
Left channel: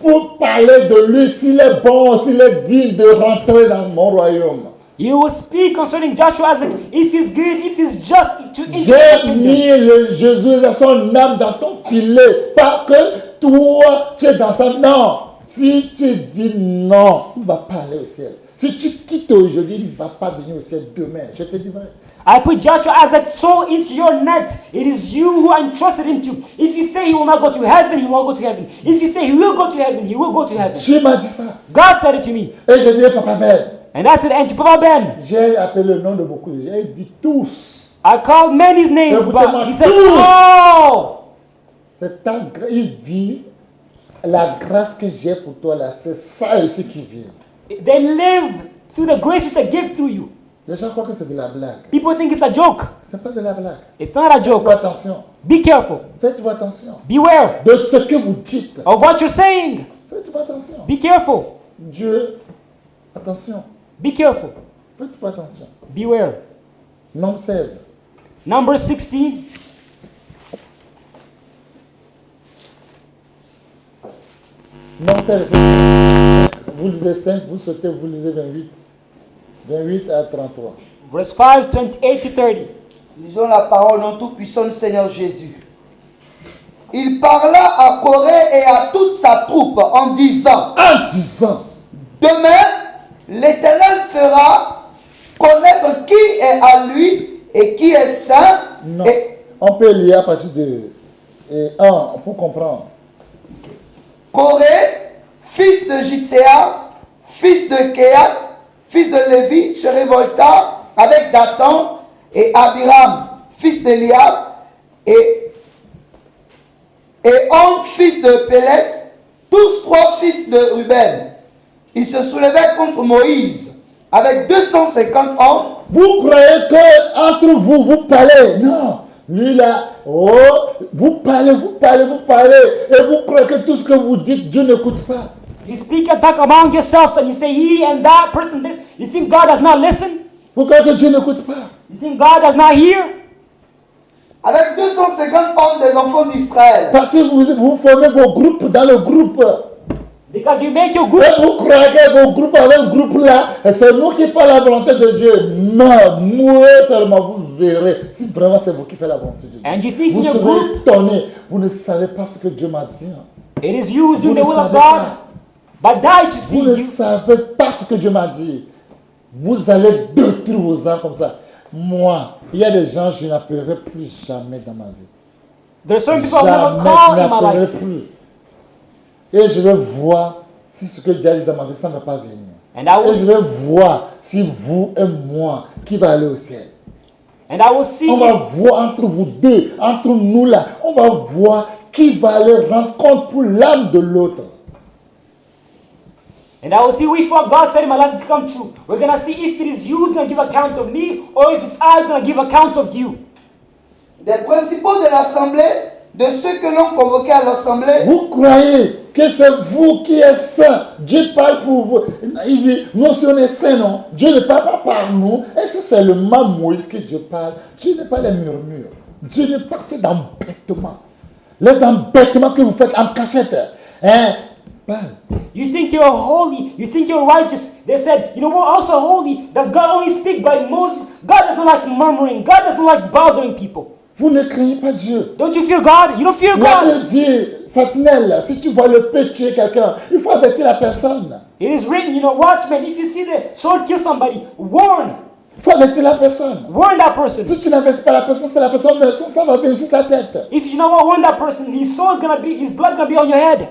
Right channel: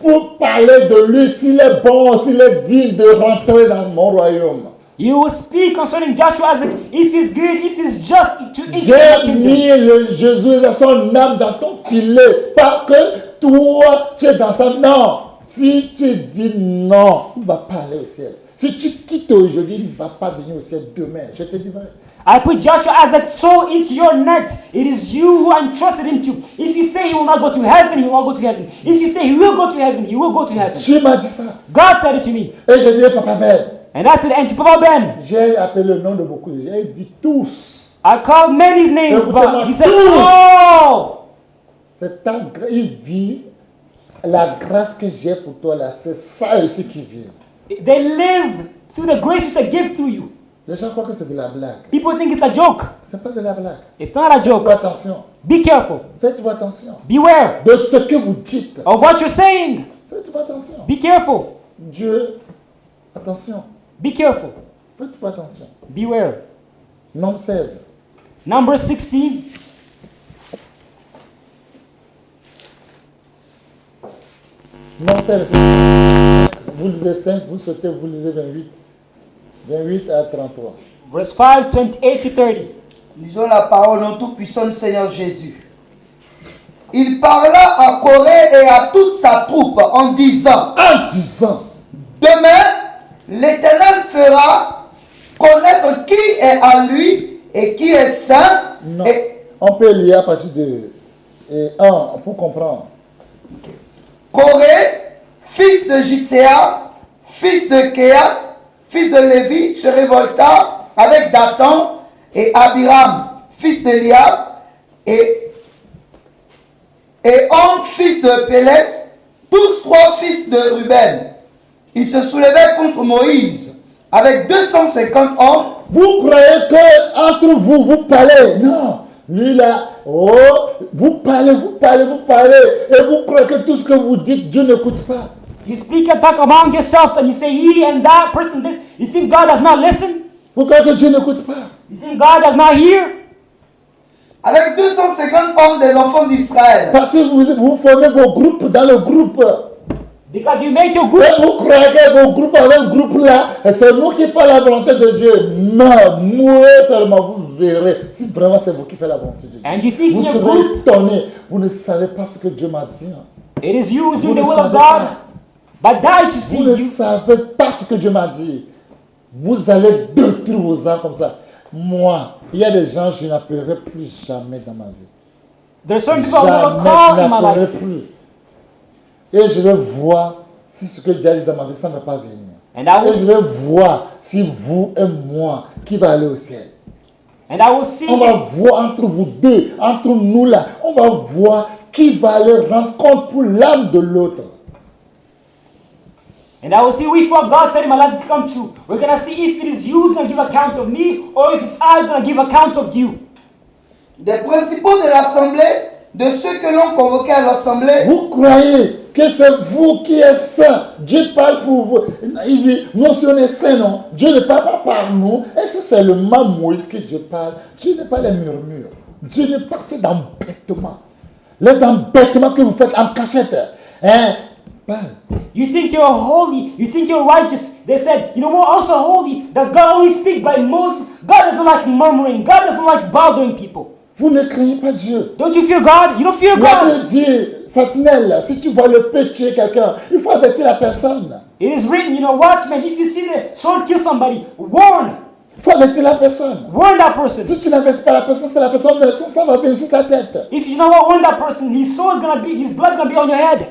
pour parler de lui, s'il est bon, s'il est digne de rentrer dans mon royaume. you will speak concerning Joshua Isaac, if he's good, if he's just. J'ai mis le Jésus à son âme dans ton filet, pas que toi tu es dans sa. Non, si tu dis non, il ne va pas aller au ciel. Si tu quittes aujourd'hui, il ne va pas venir au ciel demain. Je te dis vrai. I put Joshua Isaac so into your net. It is you who I entrusted him to. If you say he will not go to heaven, he will go to heaven. If you say he will go to heaven, he will go to heaven. Dieu m'a dit ça. God said it to me. Et je dis, Papa Ben, And I said, and to go Ben. j'ai appelé le nom de beaucoup de gens. Il dit tous. I called many names. Écoutez-moi He said, tous. oh! C'est ta grâce. Il vit. La grâce que j'ai pour toi là, c'est ça aussi qui vit. They live through the grace that I give to you. Les gens croient que c'est de la blague. People think it's a joke. C'est pas de la blague. It's not a Faites-vous joke. attention. Be careful. Faites-vous attention. Beware De ce que vous dites. of what you're saying. Faites-vous attention. Be careful. Dieu, attention. Be careful. Faites-vous attention. Beware. Nombre 16. Number 16. Nombre 16, c'est 5. Vous lisez 5, vous sautez, vous lisez 28. 28 à 33. Verse 5, 28 to 30. Lisons la parole au Tout-Puissant du Seigneur Jésus. Il parla à Corée et à toute sa troupe en disant, En disant, demain, l'Éternel fera connaître qui est à lui et qui est saint. non. Et On peut lire à partir de 1 pour comprendre. Corée, fils de Jitséa, fils de Kéat, fils de Lévi, se révolta avec Dathan et Abiram, fils d'Eliab, et On, fils de Pélet, tous 3 fils de Ruben. Ils se soulevaient contre Moïse avec 250 hommes. Vous croyez que entre vous, vous parlez. Non. Lui là, oh, vous parlez. Et vous croyez que tout ce que vous dites, Dieu n'écoute pas. You speak and talk among yourselves and you say he and that person this. You think God does not listen? Vous croyez que Dieu n'écoute pas. You think God does not hear? Avec 250 hommes des enfants d'Israël. Parce que vous formez vos groupes dans le groupe. Because you make your group. Et vous croyez que vos groupes avec le groupe là, c'est nous qui faisons la volonté de Dieu. Non, moi seulement vous verrez si vraiment c'est vous qui faites la volonté de And you Dieu. think Vous your serez group- étonnés. Vous ne savez pas ce que Dieu m'a dit. It is you who Vous do ne the will of savez God. pas. But now you Vous see. ne savez pas ce que Dieu m'a dit. Vous allez détruire vos âmes comme ça. moi, il y a des gens que je n'appellerai plus jamais dans ma vie. There's certain people I will Jamais, never je call in my n'appellerai life. plus. Et je vais voir si ce que Dieu a dit dans ma vie, ça ne va pas venir. And I Et je vais will, voir si vous et moi, qui va aller au ciel. and I will see. On va voir entre vous deux, entre nous là, on va voir qui va aller rendre compte pour l'âme de l'autre. And I will see if what God said in my life has come true. We're going to see if it is you who's going to give account of me or if it's I who's going to give account of you. Des principaux de l'assemblée, de ceux que l'on convoquait à l'assemblée, Vous croyez que c'est vous qui êtes saint. Dieu parle pour vous. Il dit, non, si on est saint, non. Dieu ne parle pas par nous. Est-ce que c'est le même Moïse que Dieu parle? Dieu n'est pas les murmures. Dieu ne parle que d'embêtements. Les embêtements que vous faites en cachette. Hein? Parle. You think you're holy, you think you're righteous. They said, you know what, also holy. Does God only speak by Moses? God doesn't like murmuring. God doesn't like bothering people. Vous ne craignez pas Dieu. Don't you fear God? You don't fear La God. Bible dit, sentinelle, si tu vois le peu tuer quelqu'un, il faut avertir la personne. It is written, you know, watchman, if you see the sword kill somebody, warn. Il faut avertir la personne. Warn that person. Si tu n'avertis pas la personne, c'est la personne, mais ça va venir sur ta tête. If you know what, warn that person, his sword's gonna be, his blood's gonna be on your head.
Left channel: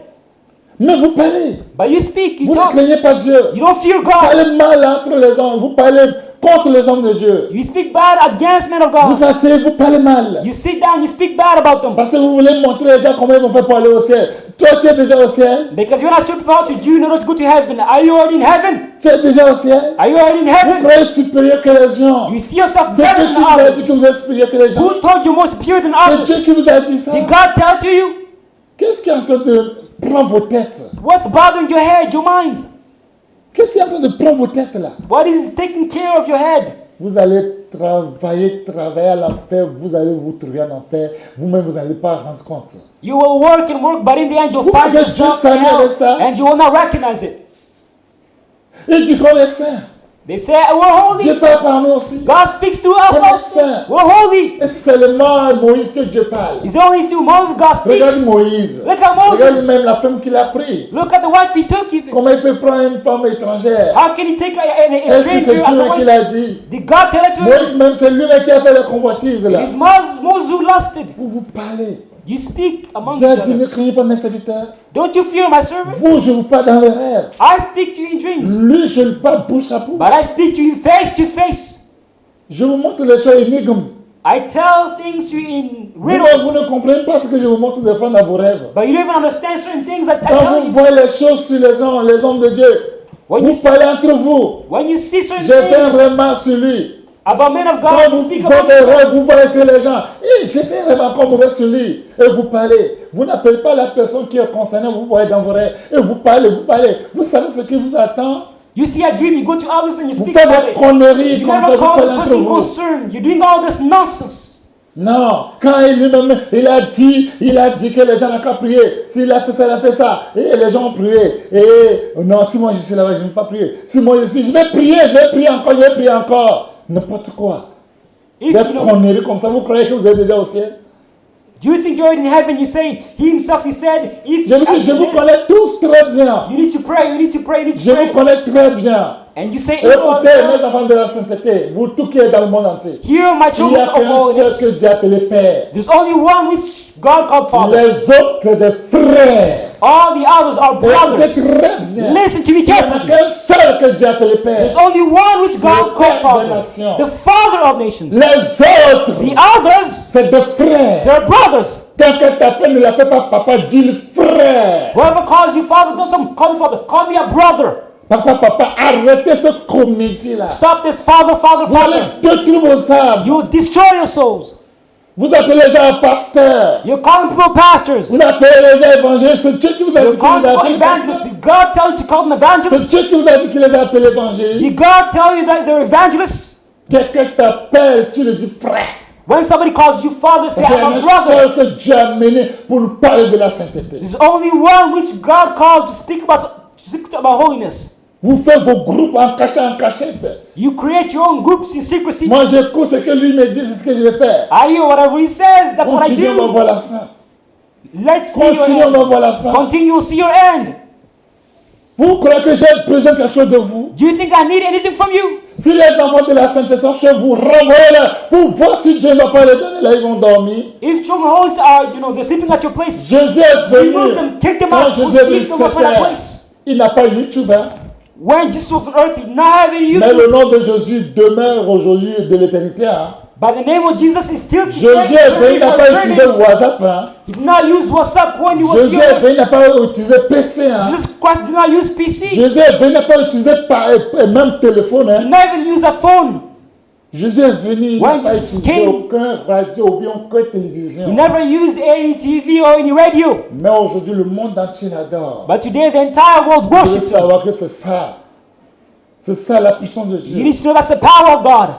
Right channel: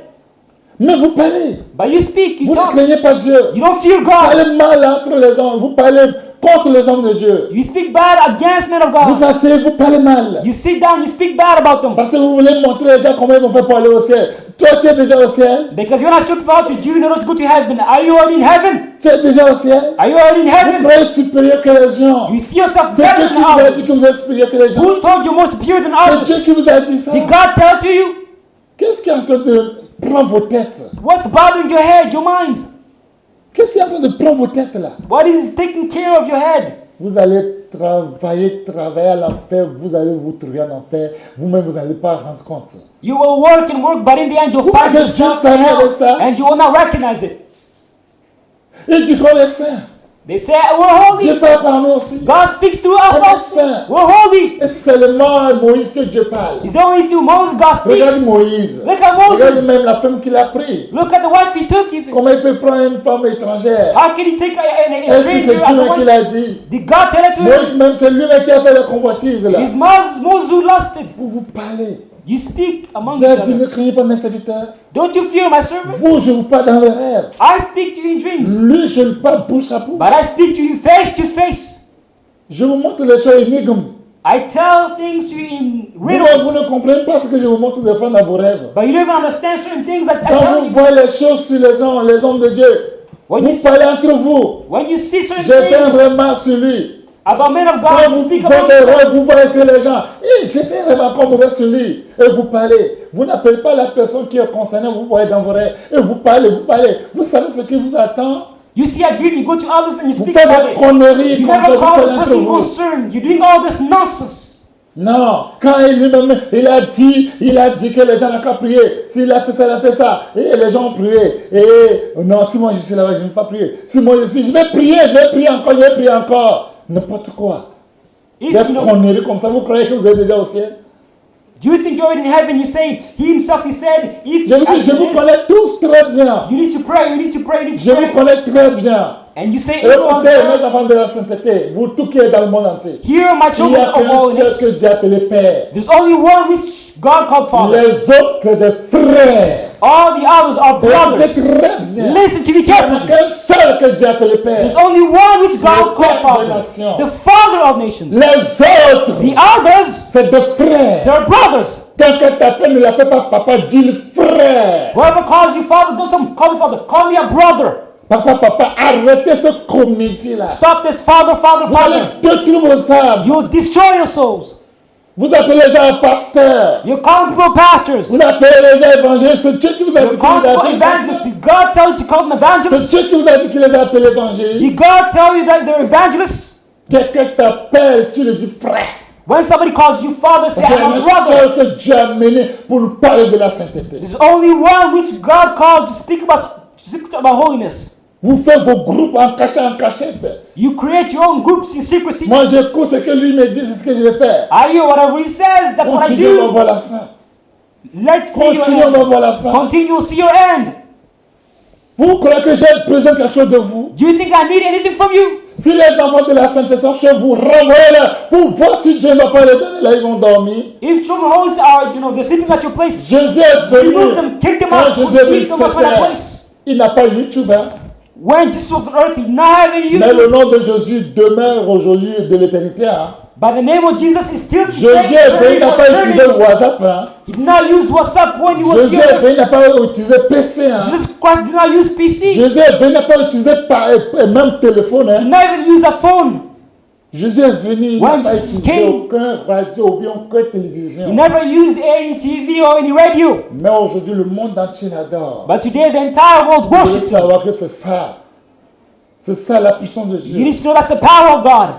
Mais vous parlez. But you speak, Vous you ne don't, craignez pas Dieu. you don't fear Vous God. parlez mal entre les hommes. Vous parlez contre les hommes de Dieu. You speak bad against men of God. Vous asseyez, vous parlez mal. You sit down, you speak bad about them. Parce que vous voulez montrer les gens comment ils vont faire pour aller au ciel. Toi, tu es déjà au ciel. Because you're not so proud to do, you're not good to heaven. Are you already in heaven? Tu es déjà au ciel. Are you already in Vous heaven? croyez supérieur que les gens. You see yourself C'est Dieu better qui than vous a others. dit que vous êtes supérieur que les gens. Who told you more superior than C'est others? Dieu qui vous a dit ça. Did God tell to you? Qu'est-ce qui est en train de prendre vos têtes? What's bothering your head, your minds? Qu'est-ce qui est en train de prendre vos têtes là? What is taking care of your head? Vous allez travailler à l'enfer, vous allez vous trouver en enfer, vous-même vous n'allez pas rendre compte. You will work and work, but in the end Vous you'll find croyez que Dieu yourself s'amuse avec ça? and you will not recognize it. Il dit qu'on est saint. They say, we're Dieu holy. parle par nous aussi. God speaks to On est us. saint. We're holy. Et c'est seulement à Moïse que Dieu parle. It's only through Moses God speaks. Regarde Moïse. Look at Moses. Regarde même la femme qu'il a pris. Look at the wife he took. Comment il peut prendre une femme étrangère? How can you take a Est-ce que c'est Dieu qui l'a dit? Did God tell it to Moïse même, c'est lui-même qui a fait la convoitise là. His Moses who lost it. Pour vous parler. You speak among Dieu a dit, them. ne craignez pas mes serviteurs. Don't you fear my servant? Vous, je vous parle dans les rêves. I speak to you in dreams. Lui, je le parle bouche à bouche. But I speak to you face to face. Je vous montre les choses énigmes. I tell things to you in Vous-même, vous riddles. ne comprenez pas ce que je vous montre des fois dans vos rêves. But you don't understand certain things that Quand vous voyez les choses sur les hommes de Dieu, vous parlez entre vous. when you see J'ai certain fait un things remarque sur lui. about men of Quand God, you vous speak faites about des rêves, vous voyez sur les gens. J'ai fait un remarque comme mauvais sur lui. Et vous parlez. Vous n'appelez pas la personne qui est concernée, vous voyez dans vos rêves. Et vous parlez, vous parlez. Vous savez ce qui vous attend. You see a dream, you go to others and you Vous speak faites about des it. conneries You comme have ça, vous all parlez the entre people vous. concerned. You're doing all this nonsense. Non, quand lui-même, il a dit que les gens n'ont qu'à prier. S'il a fait ça, il a fait ça. Et les gens ont prié. Et non, si moi je suis là-bas, je ne vais pas prier. Si moi je suis, je vais prier encore, je vais prier encore. N'importe quoi. If Des you know- conneries comme ça, vous croyez que vous êtes déjà au ciel? You think you're in heaven, you say, he himself, he said, if Je vous dis, je vous connais tous très bien. you need to pray, you need to pray, you need Je to vous pray. connais très bien. And you say, Écoutez, mes enfants de la sainteté, vous tous qui êtes dans le monde entier, hear my il n'y a children qu'un of seul holiness. que Dieu a appelé Père. There's only one which God called Father. Les autres des frères. All the others are Écoutez brothers. très bien. Listen to me Il n'y en a carefully. qu'un seul que Dieu a appelé Père. There's only one which Le God Père called des Father. nations. The Father of nations. Les The autres, others, c'est des frères. they're brothers. Quelqu'un t'appelle, ne l'appelle pas papa, dis-le frère. Whoever calls you Father, don't call me Father. Call me a brother. Papa, arrêtez ce comédie-là. Stop this Father, Vous Father. allez détruire vos âmes. You will destroy your souls. Vous appelez les gens pasteurs. You're calling people pastors. Vous appelez les gens évangélistes. C'est Dieu qui vous a dit You're qu'il calling les a people appelés pasteurs. evangelists. Did God tell you to call them evangelists? C'est Dieu qui vous a dit qu'il les a appelés évangélistes. Did God tell you that they're evangelists? Quelqu'un t'appelle, tu le dis frère. When somebody calls you Father, Parce say, qu'il y en I'm a a un brother. seul que Dieu a mené pour nous parler de la sainteté. There's only one which God called to speak about holiness. Vous faites vos groupes en cachette. You create your own groups in secrecy. Moi, j'écoute ce que lui me dit, c'est ce que je vais faire. I hear whatever he says. That's what I Continuez, on va do. voir la fin. Let's Continuez, on va voir la fin. Continue to see your end. Vous croyez que j'ai besoin de quelque chose de vous? Do you think I need anything from you? Si les enfants de la Sainte Sœur vous renvoient pour voir si Dieu ne va pas les donner, là ils vont dormir. If children always are, they're sleeping at your place. Jésus est You venu. put them, kick them Quand out, Jésus est venu sleep sur them terre, at place. il n'a pas YouTube, hein. When Jesus was on earth, he's not having you. Mais le nom de Jésus demeure aujourd'hui de l'éternité. Hein. But the name of Jesus is still the Jésus same. est venu, il n'a pas utilisé WhatsApp. Hein. He did not use WhatsApp when you Jésus est venu, il n'a pas utilisé PC. Hein. Jesus Christ did not use PC. Jésus est venu, il n'a pas utilisé même téléphone. He Hein. did not even use a phone. Jésus est venu, il n'a pas utilisé aucun radio ou bien aucune He télévision. never used any TV or any radio. Mais aujourd'hui, le monde entier l'adore. But today the entire world Vous devez worships. savoir que c'est ça. C'est ça la puissance de Dieu. You show that's the power of God.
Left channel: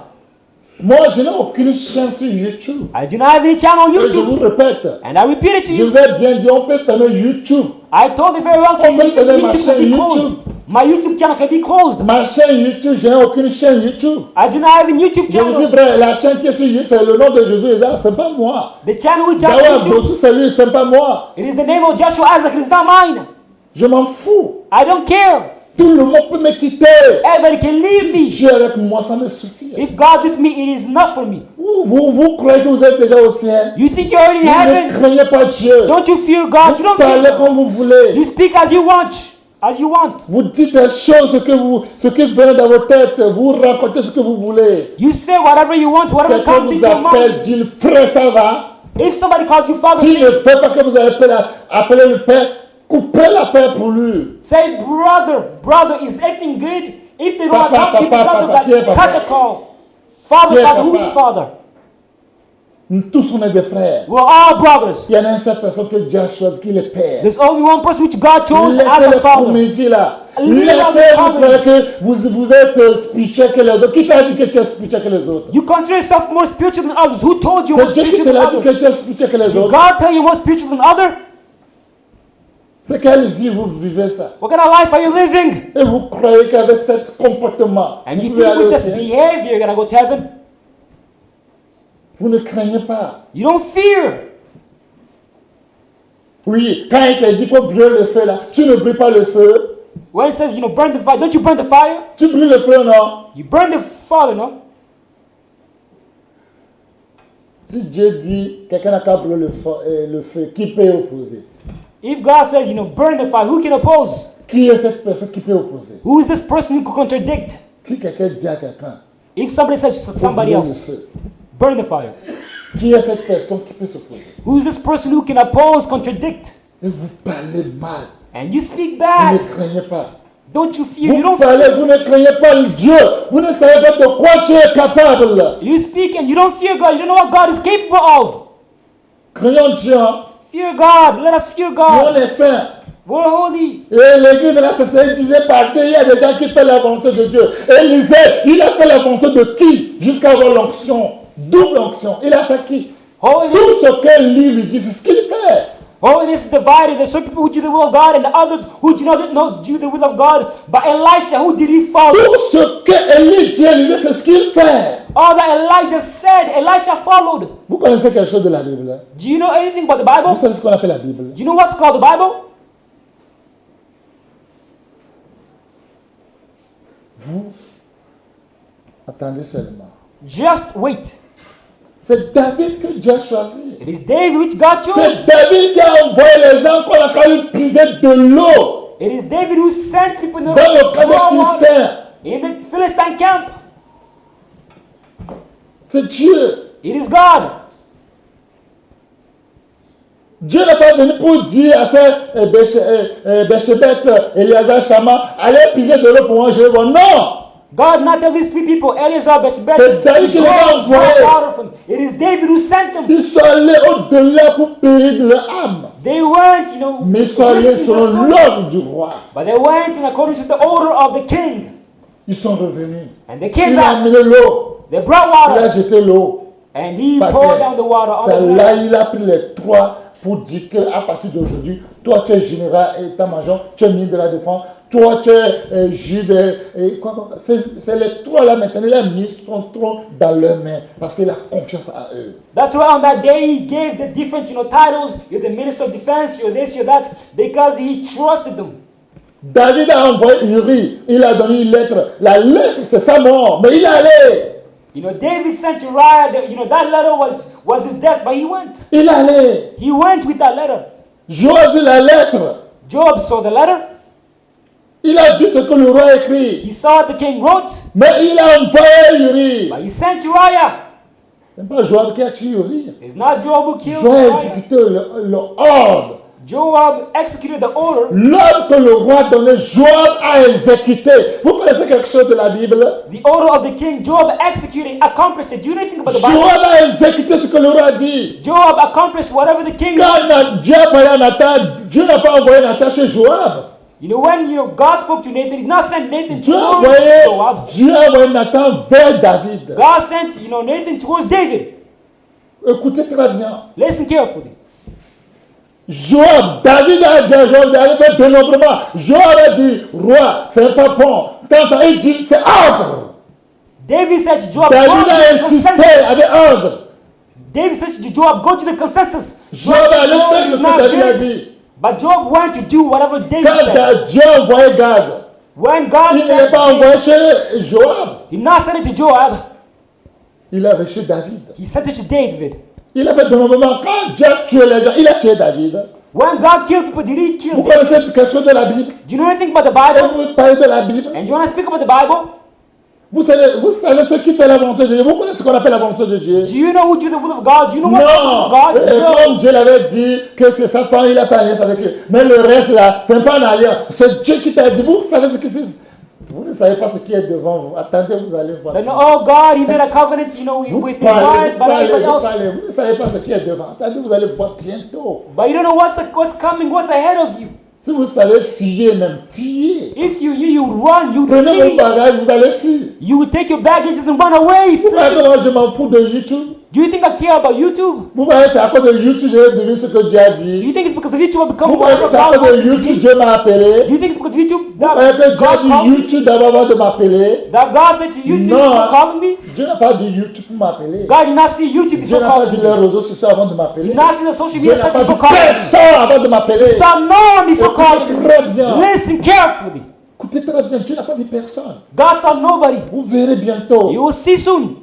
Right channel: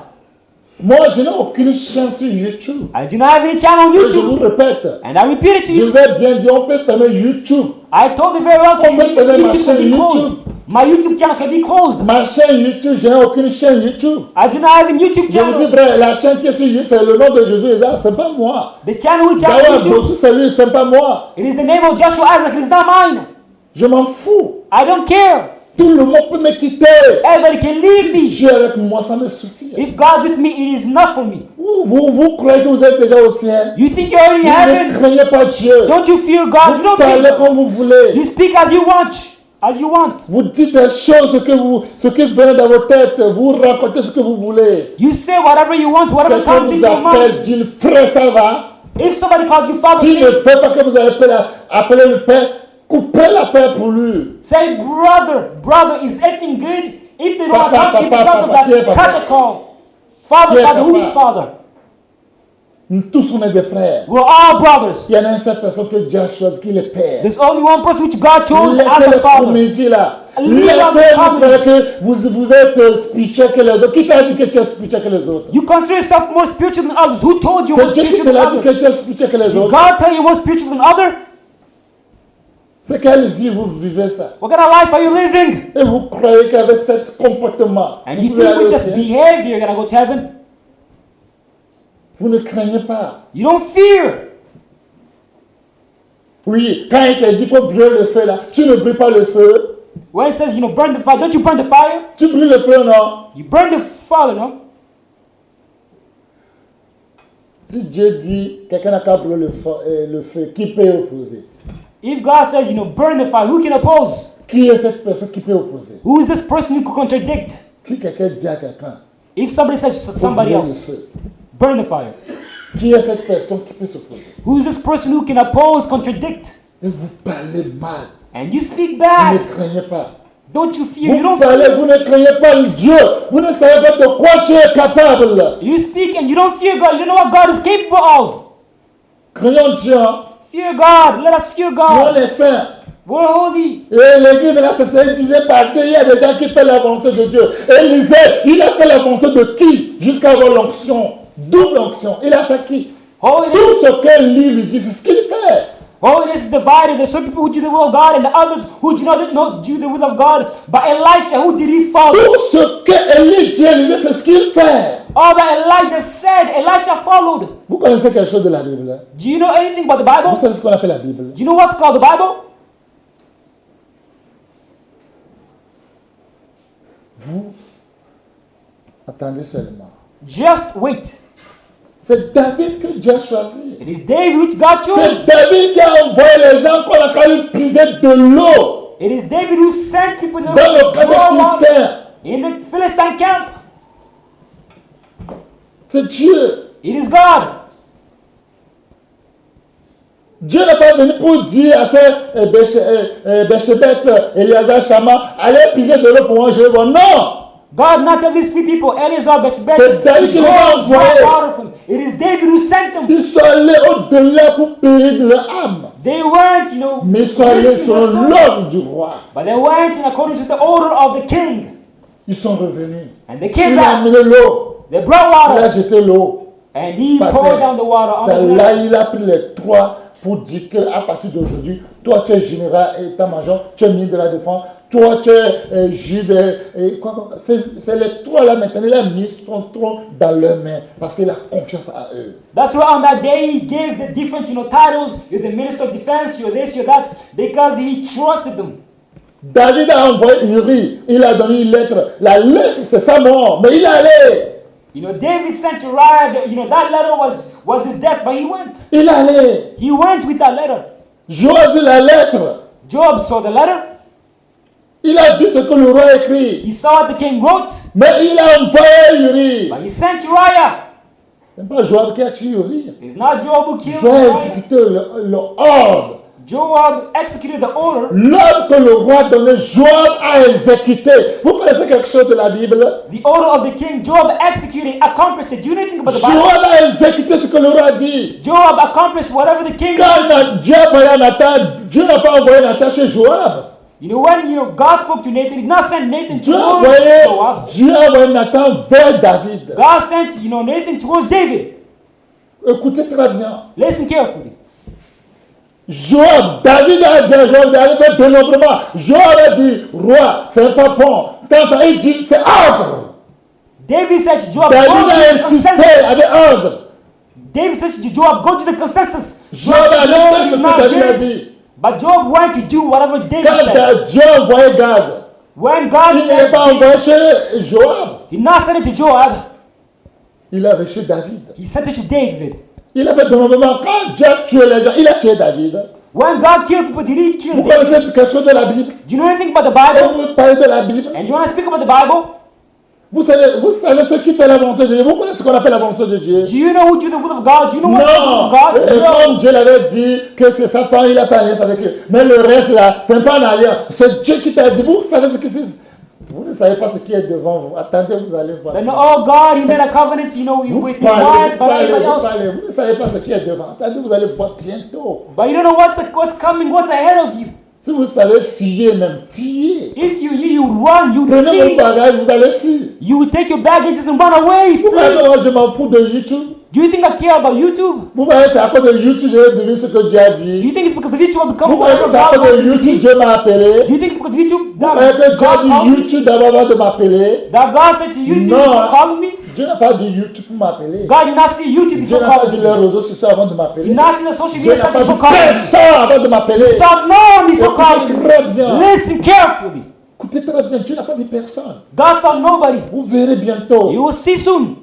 Moi, je n'ai aucune chaîne sur YouTube. I do not have any channel on Et je vous YouTube. répète, And I repeat it. je vous ai bien dit, on peut fermer YouTube. I told you very well. On peut fermer ma chaîne YouTube. My YouTube channel can be closed. Ma chaîne YouTube, je n'ai aucune chaîne YouTube. I do not have a YouTube Je vous dis, channel. frère, la chaîne qui est sur YouTube, c'est le nom de Jésus Isaac, c'est pas moi. The channel is Dawa not Bosu, c'est lui, c'est pas moi. It is the name of Joshua Isaac. It's not mine. Je m'en fous. I don't care. Tout le monde peut me quitter. Everybody can leave me. Dieu avec moi, ça me suffit. If God with me, it is not for me. Vous croyez que vous êtes déjà au ciel? You think you already Vous have ne it? craignez pas Dieu. Don't you fear God? Vous Don't parlez comme vous voulez. you speak as you want. As you want. Vous dites des choses ce qui vient dans vos têtes. Vous racontez ce que vous voulez. You say whatever you want. Whatever Quelqu'un God vous thinks you appelle, dit frère, ça va. want. If somebody calls you father, S'il ne veut pas que vous appelez le Père, coupez la paix pour lui. say brother is acting good. If they Papa, are not papa, acting qui est good, papa? cut the call. Qui est Father, who papa? is father? Nous tous, on est des frères. We're all brothers. Il y en a une seule personne que Dieu a choisi qui est le Père. There's only one person which God chose. Laissez les comédies là. Laissez-vous croire que vous êtes spirituel que les autres. Qui t'a dit que tu es spirituel que les autres? You consider yourself more spiritual than others. Who told you? C'est Dieu qui te l'a dit que tu es spirituel que les autres. God tell you more spiritual than others? C'est quelle vie vous vivez ça? What kind of life are you living? Et vous croyez qu'avec ce comportement, And vous you pouvez aller au think with this ciel? behavior you're gonna go to heaven? Vous ne craignez pas. You don't fear. Oui, quand il te dit qu'il faut brûler le feu là, tu ne brûles pas le feu. When it says you burn the fire, don't you burn the fire? Tu brûles le feu, non? You burn the fire, no? Si Dieu dit quelqu'un n'a qu'à brûler le feu, qui peut opposer? If God says, burn the fire, who can oppose? Qui est cette personne qui peut opposer? Who is this person who can contradict? Si quelqu'un dit à quelqu'un, If somebody says to il faut somebody brûler le else, feu, burn the fire. qui est cette personne qui peut s'opposer? Who is this person who can oppose, contradict? Et vous parlez mal, And you speak vous ne bad. craignez pas. Don't you fear? You Vous don't parlez, vous ne craignez pas le Dieu. Vous ne savez pas de quoi tu es capable. You speak and you don't fear God. You know what God is capable of. Craignons Dieu. Hein. Fear God. Let us fear Nous, God. on est saints. We're holy. Et l'église de la Sainteté disait par deux, il y a des gens qui font la volonté de Dieu. Élisée, il a fait la volonté de qui? Jusqu'à avoir l'onction. Double onction. Il a fait qui? Oh, Tout ce que lui dit, c'est ce qu'il fait. oh, it is divided. There's certain people who do the will of God and others who do not do the will of God. But Elisha, who did he follow? Tout ce que Élie dit, Élisée, c'est ce qu'il fait. All that Elijah said, Elisha followed. Vous connaissez quelque chose de la Bible? Hein? Do you know anything about the Vous Bible? savez ce qu'on appelle la Bible? Do you know what's called the Bible? Vous attendez seulement. Just wait. C'est David que Dieu a choisi. It is David which God chose. C'est David qui a envoyé les gens qu'on a quand puiser de l'eau It is David who sent people dans le camp des Philistins. in the Philistine camp. C'est Dieu. It is God. Dieu n'est pas venu pour dire à ces Béchébet, Eliazar, Shama, allez puiser de l'eau pour moi, je vais voir. Non! God not telling these people, Elizabeth. C'est David qui les a envoyés. It is David who sent them. Ils sont allés au-delà pour périr leur âme. They went, Mais ils sont allés selon l'ordre du roi. But they went according to the order of the king. Ils sont revenus. And the king Il a back. amené l'eau. They brought Il a water. jeté l'eau. And he Par poured terre. down the water. C'est là il a pris les trois pour dire qu'à partir d'aujourd'hui, toi tu es général état-major, tu es ministre de la Défense, toi tu es juge c'est les trois là maintenant, il a mis son trône dans leurs mains parce qu'il a confiance à eux. That's why on that day he gave the different titles. You're the minister of defense, you're this, you're that, because he trusted them. David a envoyé Uri, il a donné une lettre. La lettre, c'est sa mort, mais il est allé. You know, David sent Uriah, that letter was his death, but he went. Il est allé. He went with that letter. Joab a vu la lettre. Joab saw the letter. Il a vu ce que le roi a écrit. He saw what the king wrote. Mais il a envoyé Uri. But he sent Uriah. Ce n'est pas Joab qui a tué Uri. It's not Joab who killed Joab a Uriah. exécuté l'ordre. Joab executed the order. L'ordre que le roi donnait, Joab a exécuté. Vous connaissez quelque chose de la Bible? The order of the king, Joab executed, accomplished it. Do you know anything about the Joab a exécuté ce que le roi a dit. Bible? Joab accomplished whatever the king Quand Dieu a envoyé Nathan, Dieu n'a pas envoyé Nathan chez Joab. You know, when your God spoke to Nathan, not sent Nathan Dieu a towards Joab. Dieu a envoyé Nathan vers David. God sent, Nathan towards David. Écoutez très bien. Listen carefully. Joab, David a dit à Joab d'aller faire dénombrement. Joab a dit, roi, c'est pas bon. Quand il dit, c'est ordre. David said to Joab, David a insisté avec ordre. David said to Joab, go to the consensus. Joab allait faire ce que David a dit. But Joab wanted to do whatever David Quand said. Dieu a envoyé Gad, When God il ne l'a pas envoyé chez Joab. he not sent it to Joab, Il avait chez David. he sent it to David. Il a fait dénombrement. Quand Dieu a tué les gens, il a tué David. When God killed people, did he kill Vous them? connaissez quelque chose de la Bible? Do you know anything about the Et Bible? vous parlez de la Bible? And you want to speak about the Bible? Vous savez ce qui fait la volonté de Dieu. Vous connaissez ce qu'on appelle la volonté de Dieu? Do you know who did the will of God? Do you know Non. what the will Et of God? comme Dieu l'avait dit que c'est sa femme, il a fait alliance avec lui. Mais le reste là, c'est pas une alliance. C'est Dieu qui t'a dit. Vous savez ce que c'est? Vous ne savez pas ce qui est devant vous. Attendez, vous allez voir. And oh God, he made a covenant, Vous with parlez, his vous wife, parlez, everyone vous else. parlez. Vous ne savez pas ce qui est devant. Attendez, vous allez voir bientôt. But you know what's coming, what's ahead of you. Si vous savez fier même, fier. If you knew, you would run, you would Prenez vos flee. bagages, vous allez fuir. You would take your baggage and run away. Vous croyez que moi je m'en fous de YouTube? Do you think I care about YouTube? Vous croyez que c'est à cause de YouTube que j'ai devenu ce que Dieu a Do dit? you think it's because of YouTube? Vous croyez que c'est à cause de YouTube que Dieu m'a appelé? Do you think it's because of YouTube? Vous croyez que Dieu a dit YouTube d'abord avant de m'appeler? That God said to you, Non. follow me? Dieu n'a pas dit YouTube pour m'appeler. God did not say YouTube. Dieu n'a pas dit les réseaux sociaux avant de m'appeler. Did not say the social Dieu media n'a pas dit before personne avant de m'appeler. Some know me before Écoutez God. très bien. Listen carefully. Écoutez très bien. Dieu n'a pas dit personne. God saw nobody. Vous verrez bientôt. You will see soon.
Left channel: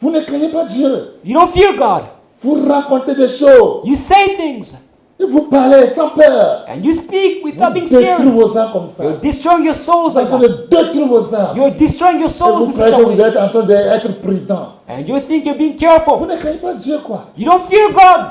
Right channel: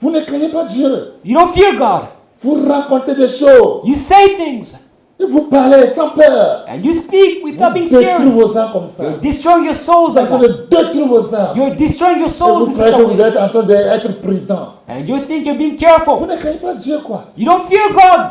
Vous ne craignez pas Dieu. You don't fear God. Vous racontez des choses. You say things. Et vous parlez sans peur. And you speak Vous without being détruisez fearful. vos âmes comme ça. You're destroying your souls. Vous êtes en train de détruire vos âmes. You're destroying your Et vous souls. croyez que vous êtes en train d'être prudent. And you think you're being Vous careful. ne craignez pas Dieu, quoi. You don't fear God.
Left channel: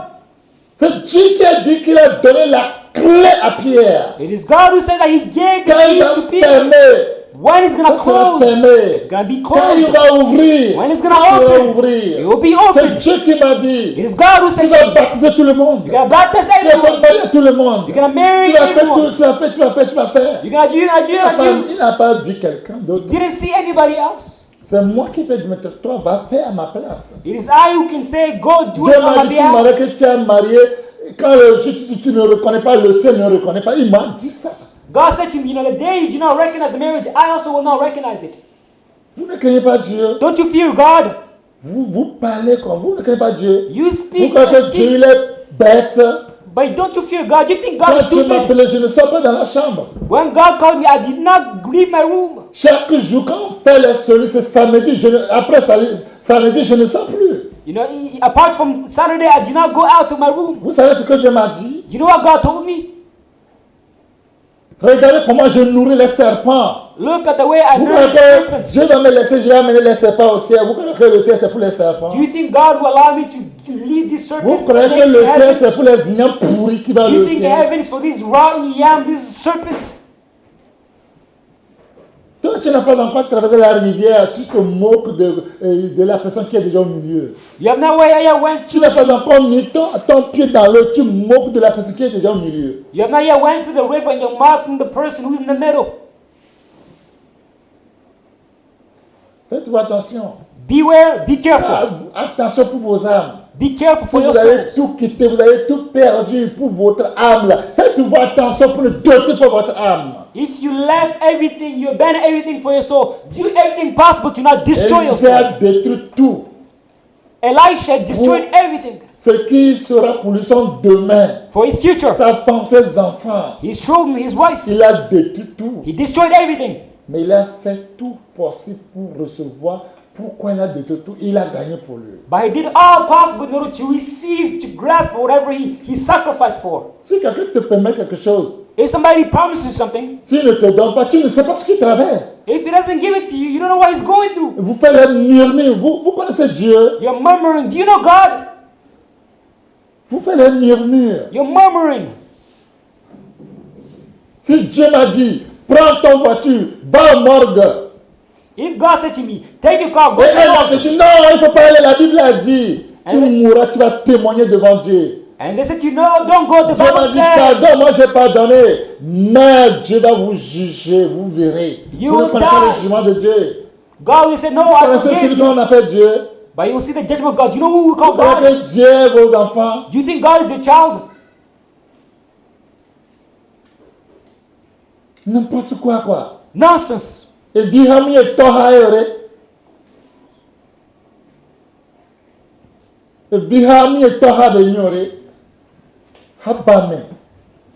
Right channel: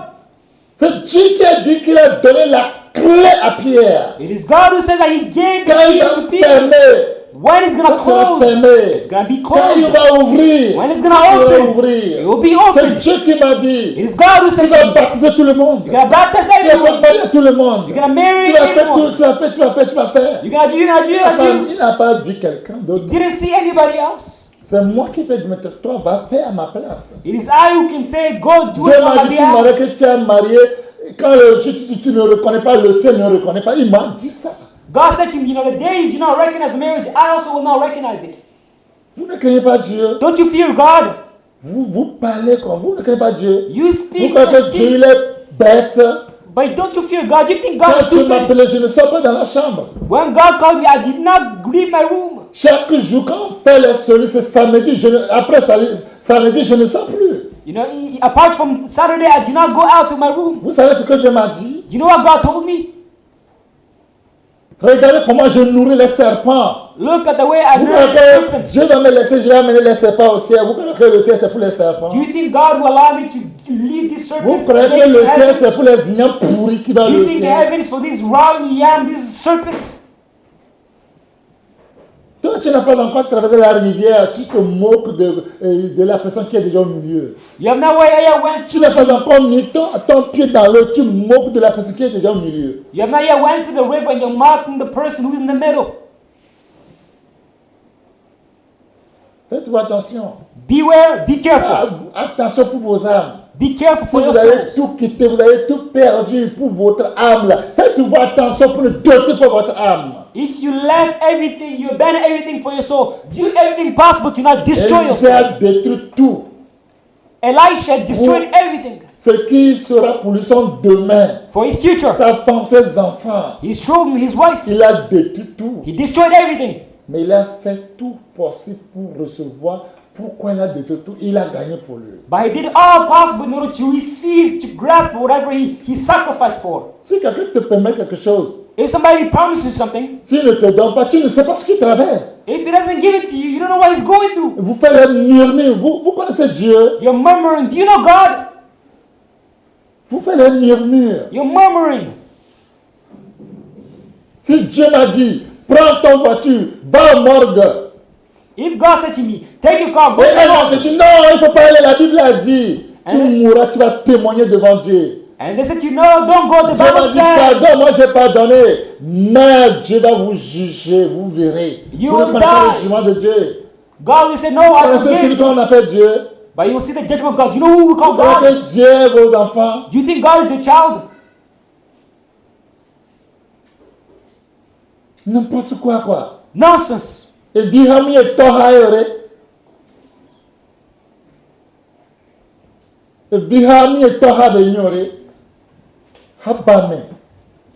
C'est Dieu qui a dit qu'il a donné la clé à Pierre. It is God who said that He gave Quand il you va to be. fermer, When He's ça going sera to close, fermé. it's going to be Quand il closed. va ouvrir, ça sera ouvrir. It will be C'est open. Dieu qui m'a dit, It's God who tu said vas baptiser tout le monde. you're about to Tu say vas faire marier tout le monde. you're gonna marry Tu vas faire people. tout, tu vas faire, tu vas faire, tu vas faire. You're gonna do, you're gonna do, Il you're n'a gonna do. pas, il n'a pas dit quelqu'un d'autre. You didn't see anybody else. C'est moi qui vais dire, maintenant, toi, va faire à ma place. It is I who can say, go do Dieu m'a dit, tout marié que tu es marié, quand tu ne reconnais pas, le ciel ne reconnaît pas. Il m'a dit ça. God said to me, the day you do not recognize marriage, I also will not recognize it. Vous ne craignez pas Dieu. Don't you fear God? Vous parlez comme vous ne craignez pas Dieu. You Vous speak. croyez que Dieu il est bête. But don't you fear God? You think Quand God Dieu m'appelait, je ne sors pas dans la chambre. When God called me, I did not leave my room. Chaque jour, quand on fait les solis, c'est samedi. Après samedi, je ne sors plus. You know, apart from Saturday, I did not go out to my room. Vous savez ce que Dieu m'a dit? You know what God told me? Regardez comment je nourris les serpents. Look at the way I Vous do croyez it. que Dieu va me laisser, je vais amener les serpents au ciel. Vous croyez que le ciel c'est pour les serpents? Do you think God will allow me to lead these serpents? Vous croyez que le ciel c'est pour les ignorants pourris qui vont Do you au think ciel? heaven is for these rotten, young, these serpents? Toi, tu n'as pas encore traversé la rivière, tu te moques de la personne qui est déjà au milieu. You have no idea when. Tu n'as pas encore mis ton pied dans l'eau, tu moques de la personne qui est déjà au milieu. You have not yet went to the river and you're mocking the person who's in the middle. Faites-vous attention. Beware, be careful. Attention pour vos âmes. Be careful. Si vous avez tout quitté, vous avez tout perdu pour votre âme. Là. Faites-vous attention pour le doter pour votre âme. If you left everything, you abandoned everything for your soul, do everything possible to not destroy Élisée it. a détruit tout. Elisha destroyed everything. Ce qui sera pour lui son demain. for his future. sa femme, ses enfants. His children, his wife. Il a détruit tout. He destroyed everything. Mais il a fait tout possible pour recevoir. Pourquoi il a détruit tout? Il a gagné pour lui. But he did all possible in order to receive, to grasp whatever he sacrificed for. Si quelqu'un te permet quelque chose, If somebody promises something, s'il ne te donne pas, tu ne sais pas ce qu'il traverse. if he doesn't give it to you, you don't know what he's going through. Vous faites le murmure. Vous connaissez Dieu. You're murmuring. Do you know God? Vous faites le murmure. You're murmuring. Si Dieu m'a dit, prends ton voiture, va au morgue. If God said to me, take your car, Et un homme te dit, non, il ne faut pas aller, la Bible a dit. Tu mourras, tu vas témoigner devant Dieu. and they said, no, don't go. Dieu m'a dit, pardon, moi j'ai pardonné. Mais Dieu va vous juger, vous verrez. Vous ne connaissez pas le jugement de Dieu. God will say, no, Vous I connaissez celui forgive. qu'on appelle Dieu. But you'll see the judgment of God. You know who Vous God is? connaissez Dieu, vos enfants. Do you think God is a child? N'importe quoi. Nonsense. Et bihami et tohaere. Et bihami et toha benyore. Habame.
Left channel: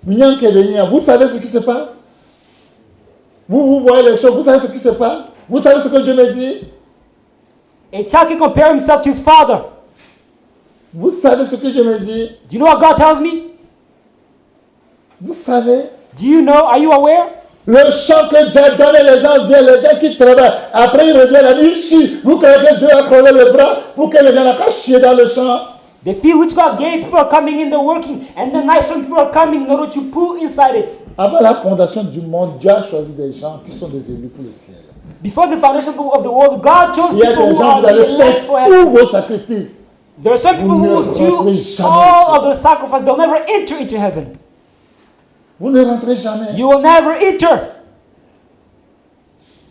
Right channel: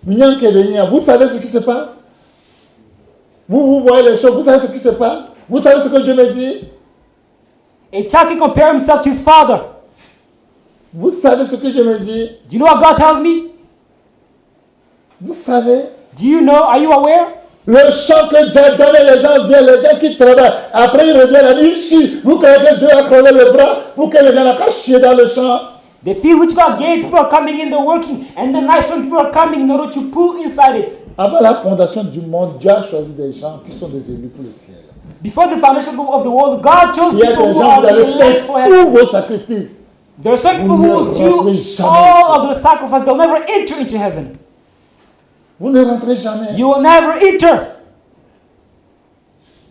Minyanke benya. Vous savez ce qui se passe? Vous voyez les choses. Vous savez ce qui se passe? Vous savez ce que Dieu me dit? A child can compare himself to his father. Vous savez ce que Dieu me dit? Do you know what God tells me? Vous savez? Do you know? Are you aware? Le champ que Dieu a donné, les gens viennent, les gens qui travaillent. Après, ils reviennent la nuit, ils chient. Vous croyez que Dieu a creusé le bras pour que les gens n'aient qu'à chier dans le champ? The field which God gave, people are coming in, they're working. And the night, some people are coming in order to put inside it. Avant la fondation du monde, Dieu a choisi des gens qui sont des élus pour le ciel. Before the foundation of the world, God chose Il y a des gens, vous allez faire tous vos sacrifices. There are some Vous ne people who rentrez do jamais all of the sacrifice, they'll never enter into heaven. Vous ne rentrez jamais. You will never enter.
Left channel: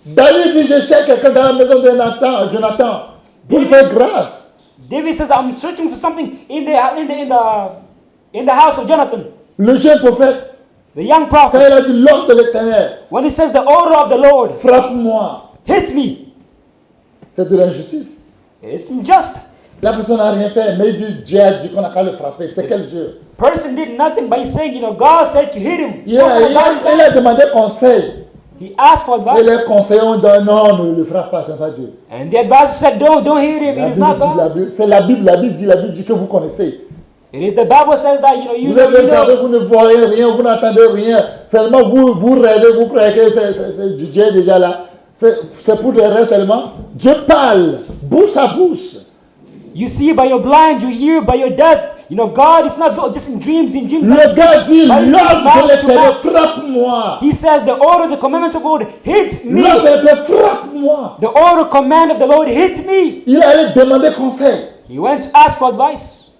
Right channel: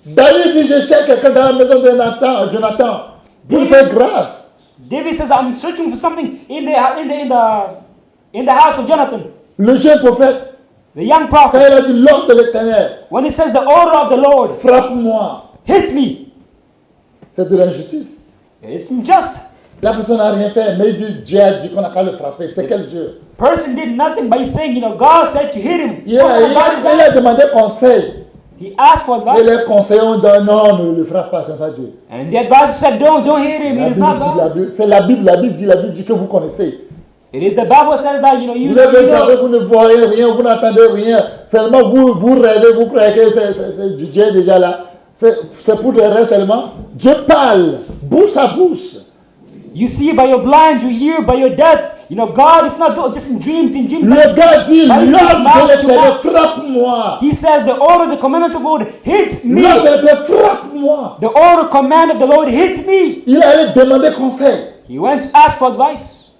David dit, je cherche quelqu'un dans la maison de Jonathan pour lui faire grâce. David says, I'm searching for something in the house of Jonathan, Le jeune prophète, the young quand prophet. il a dit l'ordre de l'Éternel, When he says the order of the Lord, frappe-moi, hit me, c'est de l'injustice. it's unjust. La personne n'a rien fait, mais il dit, Dieu a dit qu'on a qu'à le frapper. C'est quel Dieu? Person did nothing, but he's saying, God said to hit him. Il a demandé conseil. He asked for Et advice. les conseillers ont dit, non, ne le frappe pas, c'est pas Dieu. And the advisor said, don't hit him. La It's Bible not dit, God. c'est la Bible dit que vous connaissez. It is the Bible says that, you Vous avez savez, vous ne voyez rien, vous n'entendez rien. Seulement vous rêvez, vous croyez que c'est du Dieu déjà là. C'est pour des rêves seulement. Dieu parle, bouche à bouche. You see by your blind, you hear by your deaf. God is not doing this in dreams and dreams. Le gars dit, l'ordre de l'Éternel, frappe-moi. He says the order, the commandments of the Lord hit me. L'ordre de l'Éternel, frappe-moi. The order, command of the Lord hits me. Il allait demander conseil. He went to ask for advice.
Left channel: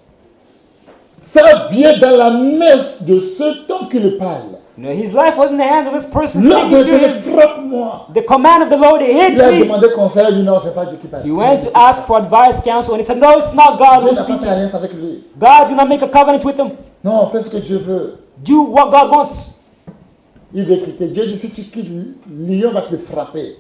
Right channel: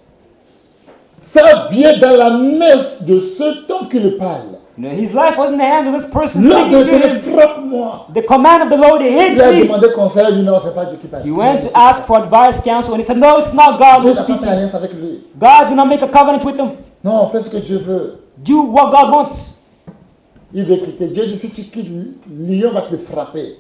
Ça vient dans la messe de ce temps qui le parle. His life was in the hands of this person. L'ordre de l'Éternel, frappe-moi. The command of the Lord hit Il a me. demandé conseil, il dit non, c'est pas Dieu qui parle. He went to ask for advice, counsel. He said, no, it's not God. Dieu n'a pas fait alliance avec lui. God did not make a covenant with him. Non, fais ce que Dieu veut. Do what God wants. Il veut quitter. Dieu dit, si tu quittes, Lion va te frapper.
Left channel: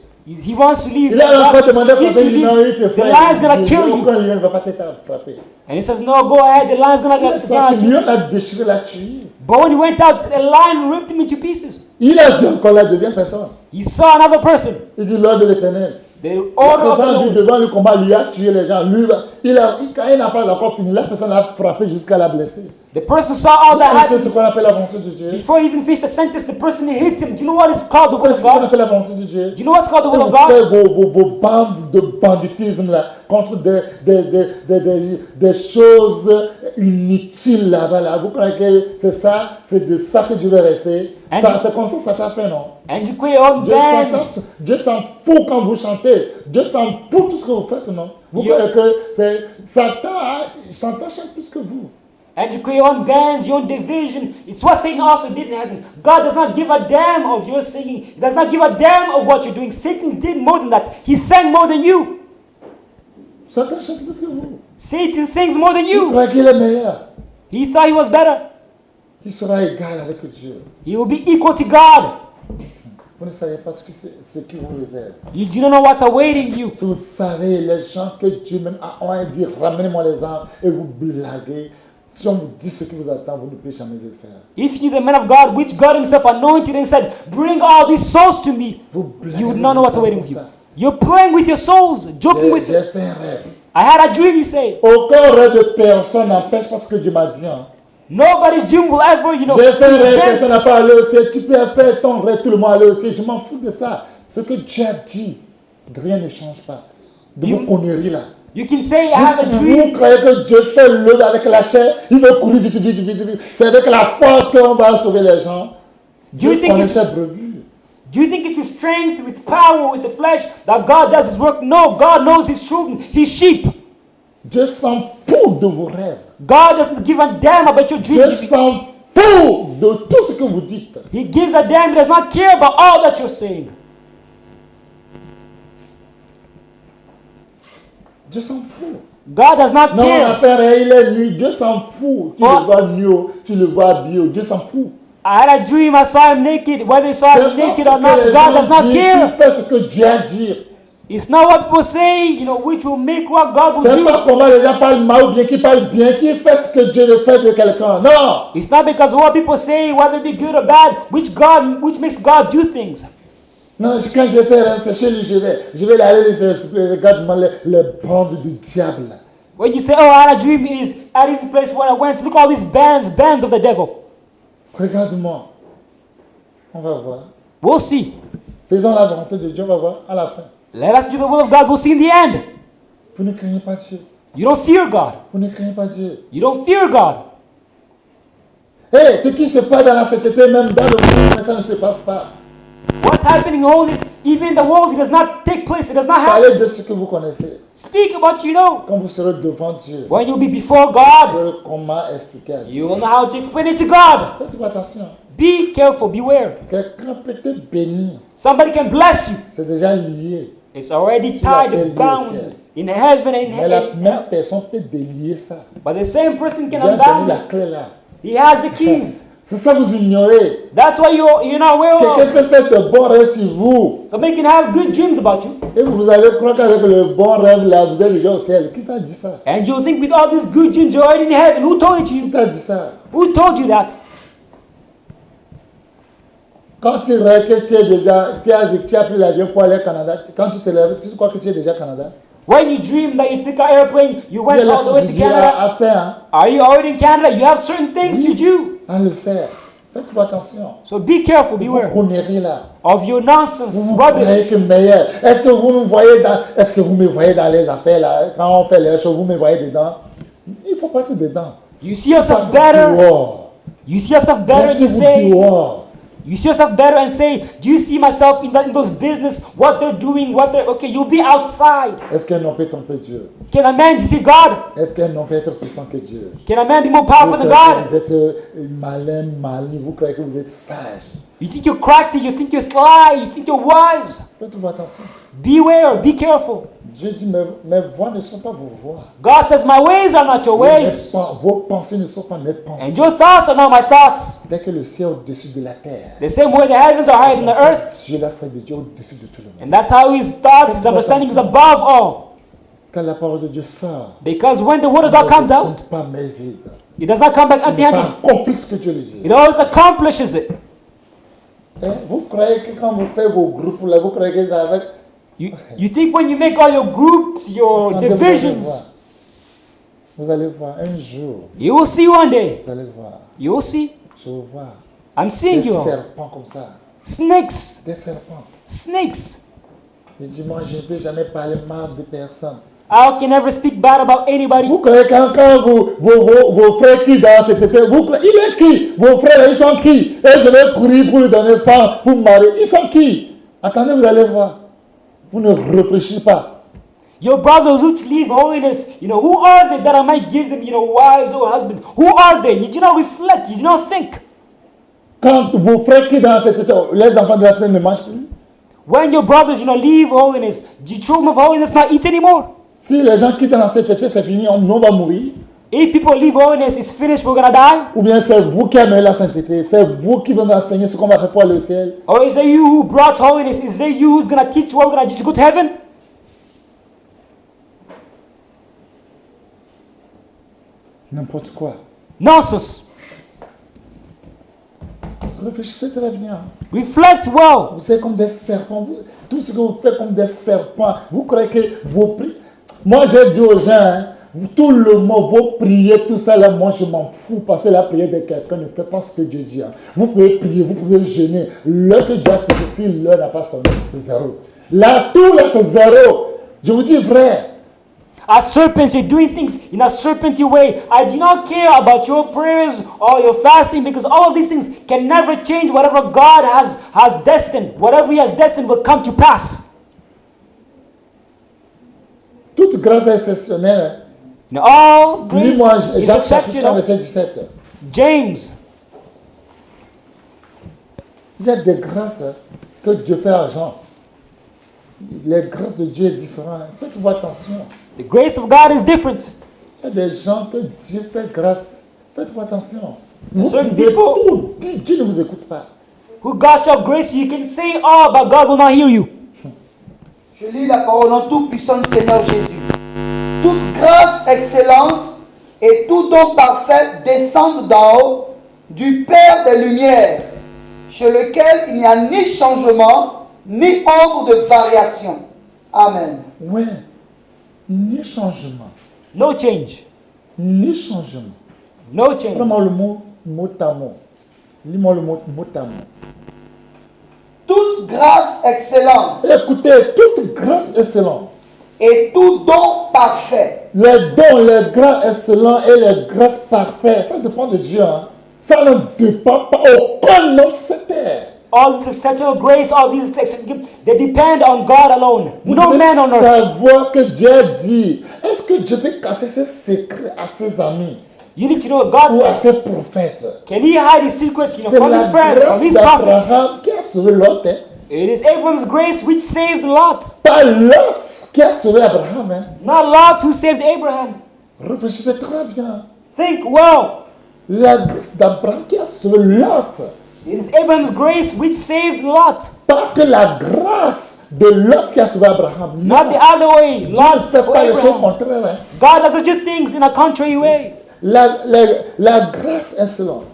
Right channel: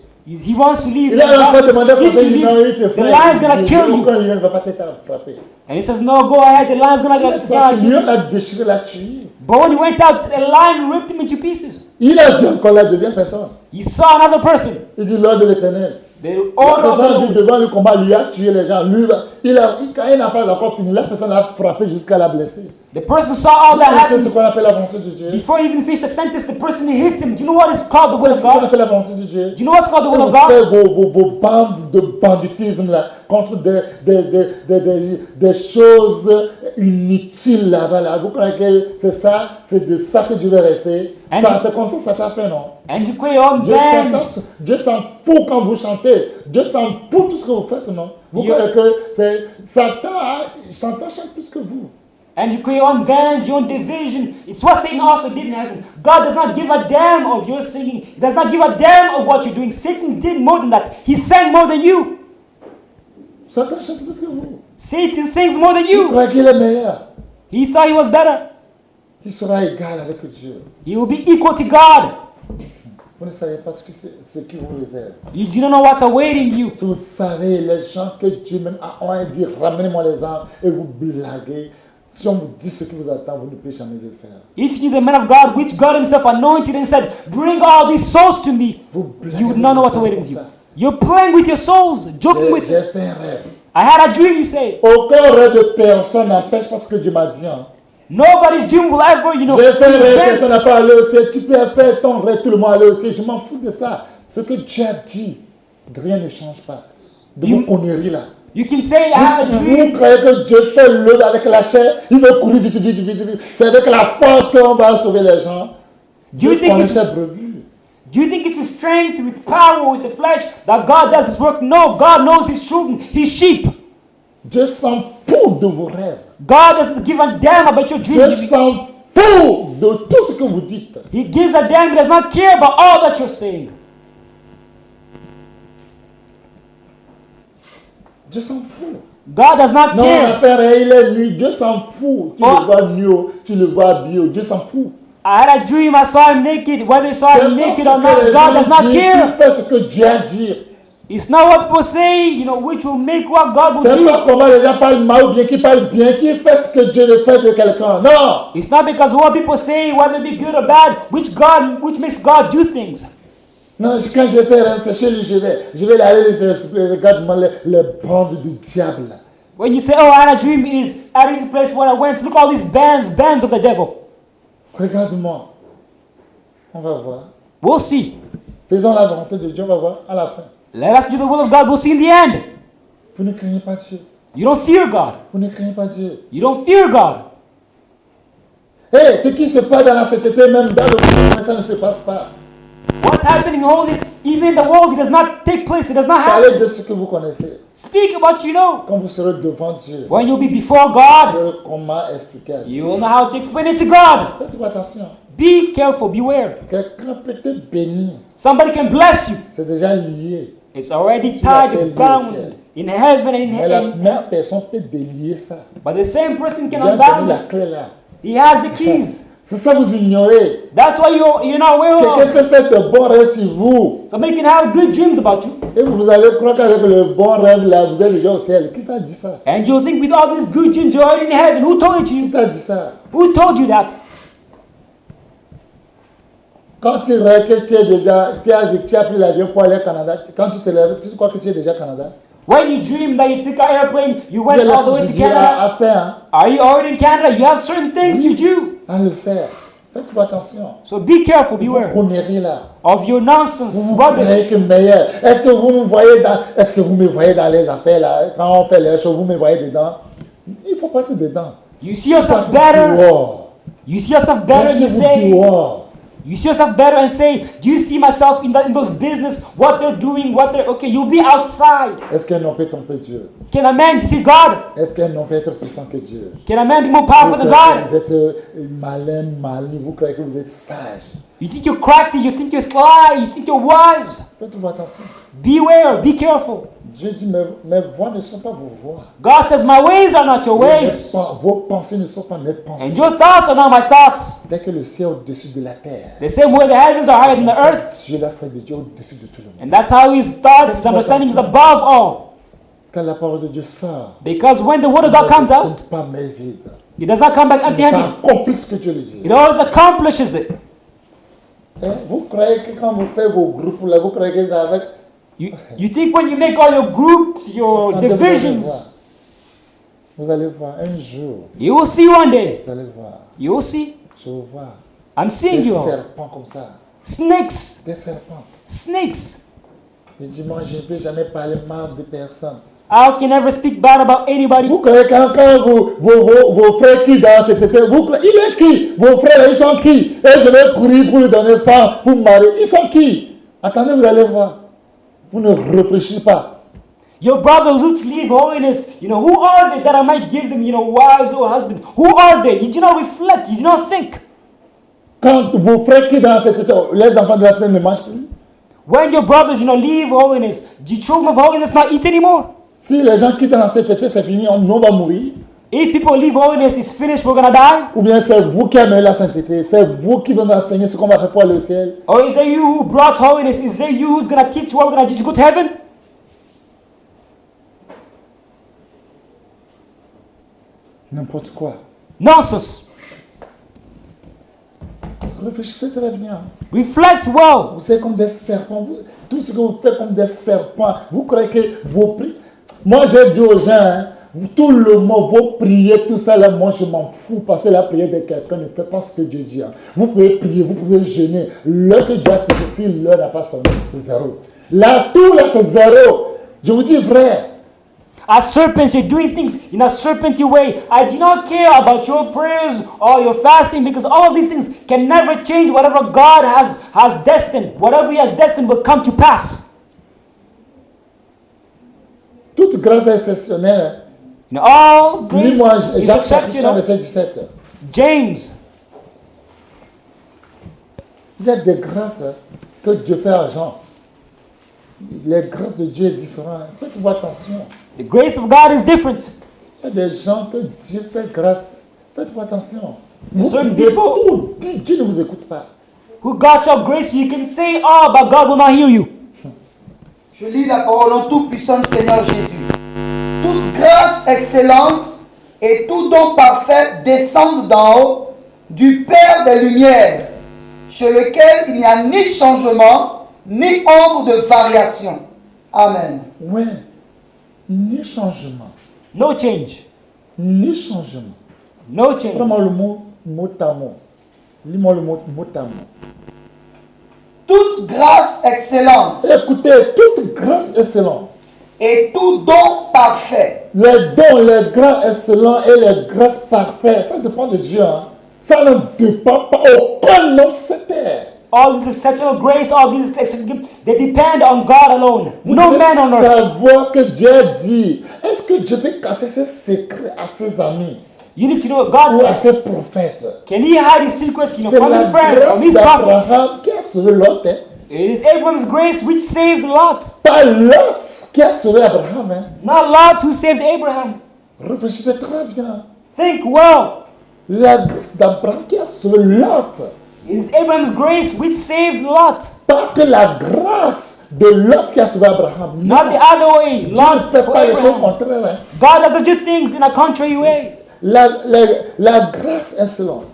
He wants to be. Il a encore demandé conseil, il dit non, il te frappe. Il dit, aucun lion ne va pas te frapper. And he says, no, go ahead. The lion's not Il est going sorti, to Lion l'a déchiré, l'a tué. But when he went out, a lion ripped him into pieces. Il a dit encore la deuxième personne. You saw another person. Il dit l'ordre de l'Éternel. The La order personne of vit devant le combat, lui a tué les gens. Lui, quand il n'a pas encore fini, la personne l'a frappé jusqu'à la blesser. the person saw all Vous that connaissez ce happen. qu'on appelle la volonté de Dieu? Before he even finished the sentence, the person hit him. You know what it's Vous called? connaissez ce qu'on appelle la volonté de Dieu? You know what it's called? Et vous faites vos bandes de banditisme là, contre des choses inutiles là-bas. Là. Vous croyez que c'est ça, c'est de ça que Dieu veut rester? Ça, c'est comme ça t'a fait, non? And you put your own Dieu sent tout quand vous chantez. Dieu sent tout ce que vous faites, non? Vous croyez que c'est Satan chante plus que vous. And you create your own bands, your own division. It's what Satan also did in heaven. God does not give a damn of your singing. Does not give a damn of what you're doing. Satan did more than that. He sang more than you. Satan chante plus que vous. Satan sings more than Vous you. croyez qu'il est meilleur? He thought he was better. Il sera égal avec Dieu. He will be equal to God. Vous ne savez pas ce qui vous réserve. You don't know what's awaiting you. Si vous savez, les gens que Dieu même a dit, ramenez-moi les âmes, et vous blaguez, Si on vous dit ce qui vous attend, vous ne pouvez jamais le faire. If you're the man of God, which God himself anointed and said, bring all these souls to me. Vous blaguez avec None vos of us âmes will. comme ça. You're playing with your souls. Joking. J'ai fait un rêve. I had a dream, you say. Aucun rêve de personne n'empêche parce que Dieu m'a dit. Hein. Nobody's dream will ever, you know. J'ai fait un rêve, personne n'a pas allé au ciel. Tu peux faire ton rêve, tout le monde aller au ciel. Je m'en fous de ça. Ce que Dieu a dit, rien ne change pas. De vos conneries là. You can say I had a Vous dream. croyez que Dieu fait l'œuvre avec la chair, il veut courir vite, vite, vite, vite. C'est avec la force qu'on va sauver les gens. Dieu connaît ses brebis. Do you think it's with strength, with power, with the flesh that God does his work? No, God knows his children, his sheep. Dieu s'en fout de vos rêves. God doesn't give a damn about your Dieu dreams. s'en fout de tout ce que vous dites. He gives a damn, does not care about all that you're saying. Dieu s'en fout. God does not Non, on care. a fait rien, il est nu. Dieu s'en fout. Tu le vois nu, tu le vois bio. Dieu s'en fout. I had a dream, I saw him naked. Whether you saw C'est him pas naked ce or que not, les God gens does not disent qui care. fait ce que Dieu a dit. It's not what people say, you know, which will make what God will C'est do. pas comment les gens parlent mal ou bien qui parlent bien, qui fait ce que Dieu veut faire de quelqu'un. Non! It's not because what people say, whether it be good or bad, which makes God do things. Non, quand je fais rêve, c'est chez lui, je vais aller les esprits, regarde-moi les bandes du diable. Là. When you say, oh, I had a dream, is at this place where I went through all these bands with the devil. Regarde-moi. On va voir. We'll see. Faisons la volonté de Dieu, on va voir à la fin. Let us do the will of God. We'll see the end. Vous ne craignez pas Dieu. You don't fear God. Vous ne craignez pas Dieu. You don't fear God. Hé, ce qui se passe dans la société, même dans le monde, mais ça ne se passe pas. What's happening in the world is, even in the world, it does not take place. It does not happen. Parlez de ce que vous connaissez. Speak about what you know. Quand vous serez devant Dieu, When you'll be before vous God, saurez comment expliquer à Dieu. you will know how to explain it to God. Faites-vous attention. Be careful. Beware. Quelqu'un peut te bénir. Somebody can bless you. C'est déjà lié. It's already Sur la terre, tied lui au down ciel. in the heaven and in Mais la heaven. même personne peut délier ça. But the same person Dieu can a donné la unbound. clé là. He has the keys. C'est ça vous ignorez. That's why you're not aware Quelqu'un of. peut faire de bons rêves sur vous. Somebody can have good dreams about you. Et vous allez croire qu'avec le bon rêve là, vous êtes déjà au ciel. Qui t'a dit ça? And you'll think with all these good dreams you're already in heaven. Who told Qui you? t'a dit ça? Who told you that? Quand tu rêves que tu as pris l'avion pour aller au Canada, quand tu te lèves, tu crois que tu es déjà au Canada? When you dream that you took an airplane, you Il y a went les all the way to procédures Canada. à faire, hein, Are you already in Canada? You have certain things Oui. to do. à le faire. Faites-vous attention. So be careful De vos beware conneries là. of your nonsense. Vous vous What croyez que meilleur. Est-ce que vous me voyez dans les affaires là? Quand on fait les choses, vous me voyez dedans? Il ne faut pas être dedans. You see Il faut yourself être better. dehors. You see yourself better and Restez-vous say, dehors. you see yourself better and say, do you see myself in those business, what they're doing, okay, you'll be outside. Est-ce qu'un homme peut tromper Dieu? Can a man see God? Est-ce qu'un homme peut être puissant que Dieu? Can a man be more Vous powerful croyez than que God? vous êtes malin, vous croyez que vous êtes sage. You think you're crafty, you think you're sly, you think you're wise. Faites-vous attention. Beware, be careful. Dieu dit, mes voix ne sont pas vos voix. God says, my ways are not your ways. Vos pensées ne sont pas mes And pensées. your thoughts are not my thoughts. Dès que le ciel est au-dessus de la terre, The same way the heavens are c'est high in comme the ça earth. Dieu là serait de Dieu au-dessus de tout le monde. And that's how his thoughts and Faites-vous understanding is attention. above all. Quand la parole de Dieu sort, Because when the word il of ne God comes retourne out, pas main vide. it does not come back Il empty ne pas handed. accomplir ce que Dieu lui dit. It always accomplishes it. Hein? Vous croyez que quand vous faites vos groupes là, vous croyez que ça va être... You think when you make all your groups, your Attendez, vous allez voir. divisions, Vous allez voir un jour. you will see one day. Vous allez voir. You will see. Je vous vois. I'm seeing Des you. serpents comme ça. Snakes. Des serpents. Snakes. Je dis, moi, je ne peux jamais parler mal de personne. How can you ever speak bad about anybody? Vous croyez quand vos frères qui dansent, etc., vous croyez, il est qui? Vos frères, là, ils sont qui? Et je vais courir pour lui donner femme, pour me marier. Ils sont qui? Attendez, vous allez voir. Vous ne réfléchissez pas. Your brothers who leave holiness, who are they that I might give them, wives or husbands? Who are they? You do not reflect, you do not think. Quand vos frères qui dansent, etc., les enfants de la semaine ne mangent plus. When your brothers, leave holiness, the children of holiness not eat anymore. Si les gens quittent la sainteté, c'est fini, on va mourir. If people leave holiness, it's finished, we're gonna die. Ou bien c'est vous qui aimez la sainteté, c'est vous qui venez enseigner ce qu'on va faire pour aller au ciel. Or is it you who brought holiness? Is it you who's gonna teach what we're gonna go to heaven? N'importe quoi. Moses, Réfléchissez très bien. reflect well. Vous êtes comme des serpents. Tout ce que vous faites comme des serpents. Vous croyez que vos prières... Moi, j'ai dit aux gens, hein, tout le monde, vos prières, tout ça, là, moi, je m'en fous. Parce que la prière de quelqu'un ne fait pas ce que Dieu dit. Hein. Vous pouvez prier, vous pouvez jeûner. L'heure que Dieu a pris, si l'heure n'a pas sonné, c'est zéro. Là, tout, là, c'est zéro. Je vous dis vrai. A serpent is doing things in a serpentine way. I do not care about your prayers or your fasting because all these things can never change whatever God has destined. Whatever He has destined will come to pass. Toute grâce est exceptionnelle. Now, all Lis-moi Jacques chapitre 1, verset 17. James, Il y a des grâces que Dieu fait à gens. Les grâces de Dieu sont différentes. Faites-vous attention. the grace of God is different. Il y a des gens que Dieu fait grâce. Faites-vous attention. Vous pouvez tout dire. Dieu ne vous écoute pas. Who God shall grace you, you can say all, but God will not hear you. Je lis la parole en tout-puissant du Seigneur Jésus. Toute grâce excellente et tout don parfait descendent d'en haut, du Père des Lumières, chez lequel il n'y a ni changement, ni ombre de variation. Amen. Ouais. Ni changement. No change. Ni changement. No change. Prends-moi le mot à mot. Lis-moi le mot à mot. Toute grâce excellente Écoutez, toute grâce excellente. et tout don parfait Les dons, les grâces excellents et les grâces parfaites, ça dépend de Dieu. Hein. Ça ne dépend pas aucun nom sur terre. All this exceptional grace, all these exceptional, they depend on God alone. Vous No devez man on earth. savoir que Dieu dit. Est-ce que Dieu peut cacher ses secrets à ses amis You need to know ou à God. ses prophètes? Can He hide His secrets? C'est la grâce d'Abraham qui a sauvé Lot. Hein. It's Abraham's grace which saved Lot. Pas Lot qui a sauvé Abraham. Hein. Not Lot who saved Abraham. Réfléchissez très bien. Think well. La grâce d'Abraham qui a sauvé Lot. It's Abraham's grace which saved Lot. Pas que la grâce de Lot qui a sauvé Abraham. Not Non. the other way. Dieu ne fait pas les choses contraires. Hein. God doesn't do things in a contrary way. La grâce excellente.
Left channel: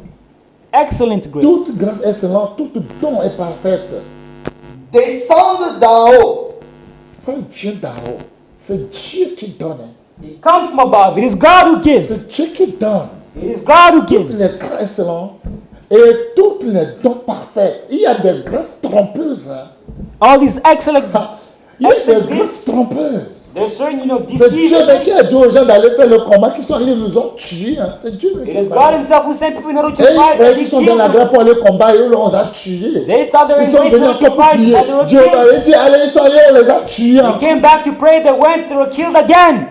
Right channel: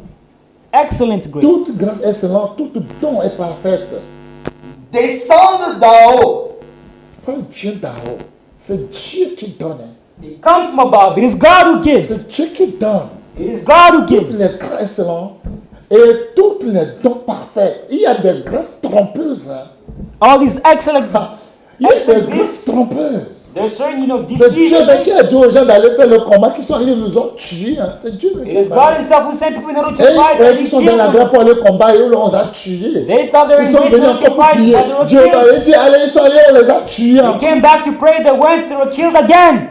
Excellent grace. Toute grâce excellente, tout don est parfaite. descendent d'en haut, Ça vient d'en haut. C'est Dieu qui donne. Hein. It comes from above. It is God who gives. C'est Dieu qui donne. It is God who Toutes gives. les grâces excellentes et toutes les dons parfaits. Il y a des grâces trompeuses. Hein. All these excellent. Ah, il y a des grâces trompeuses. There's certain, you know, C'est Dieu deceit. qui a dit aux gens d'aller faire le combat, qui sont allés, ils nous ont tués. Hein. C'est Dieu qui a It's parlé. God Himself who said, you know, Et ils croyaient qu'ils sont dans la grâce pour aller combattre et eux, on les a tués. Ils sont venus encore pour prier. Dieu va dit, allez, ils sont allés, on les a tués encore. Came back to pray, they went, they were killed again.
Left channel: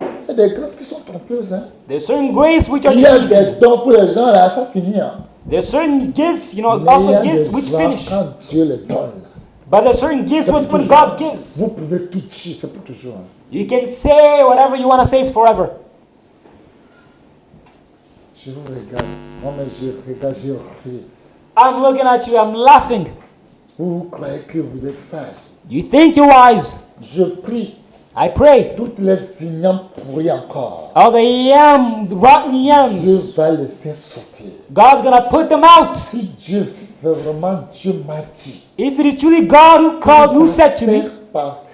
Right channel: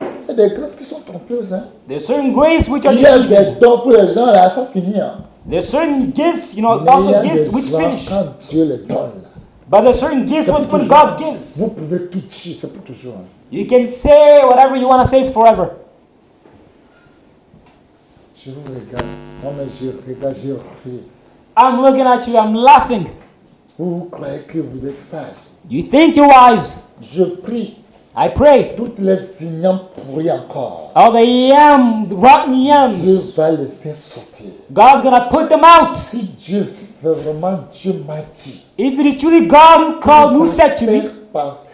Il y a des grâces qui sont trompeuses. Hein. There's certain grace which Il y a des dons pour les gens, là, ça finit. Hein. there's certain gifts, you know, Mais il y a also des gifts which gens, finish. quand Dieu les donne, là, But there's certain gifts c'est pour which toujours. God gives. Vous pouvez tout dire, c'est pour toujours. Hein. You can say whatever you want to say forever. Je vous regarde. Non, mais je regarde, je ris. I'm looking at you, I'm laughing. Vous croyez que vous êtes sage. You think you're wise. Je prie. I pray. Toutes les ignorants pourris encore. All the young, rotten young, Dieu va les faire sortir. God's gonna put them out. Si Dieu, si c'est vraiment Dieu m'a dit, If it is truly God who called, who said to you,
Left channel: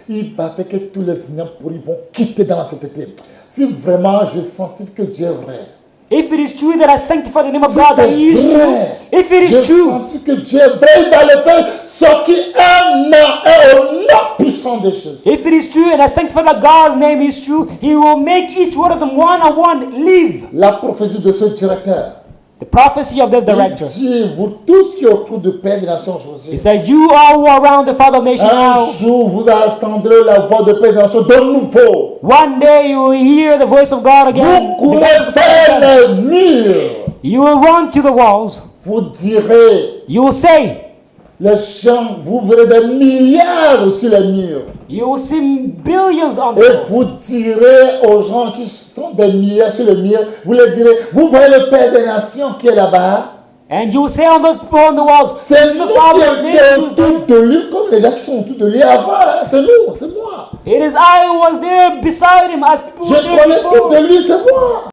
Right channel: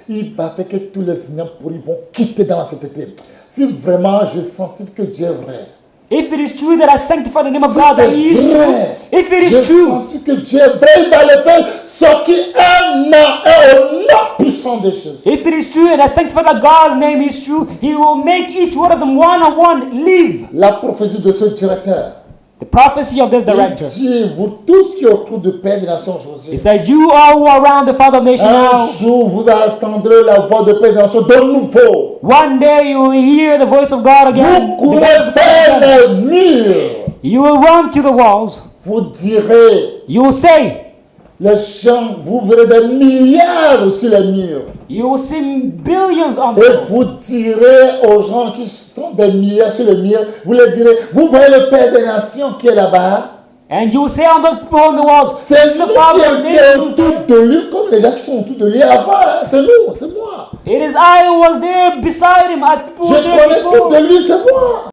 il va faire que tous les ignorants pourris vont quitter dans la société. Si vraiment je sens que Dieu est vrai. if it is true that I sanctify the name of Si God, that He c'est is, vrai, if it je is true, sens que Dieu est vrai, il va le faire sortir un au nom puissant de Jésus. if it is true that I sanctify that God's name is true, He will make each one of them one-on-one leave. La prophétie de ce directeur, The prophecy of this il director dit, vous tous qui êtes autour du Père des Nations José, is that you all who are around the Father of the un nations, jour vous entendrez la voix du Père des Nations de nouveau. one day you will hear the voice of God Vous again. courez vers les murs. You will run to the walls. Vous direz, You will say, les gens, vous verrez des milliards sur les murs. you will see billions of Et vous direz aux gens qui sont des milliards sur les murs, vous leur direz, vous voyez le Père des Nations qui est là-bas. and you will say on those on the walls, C'est nous qui étions autour de lui, comme les gens qui sont autour de lui avant. Hein. C'est nous, c'est moi. it is I who was there beside him. Je connais tout de lui, c'est moi.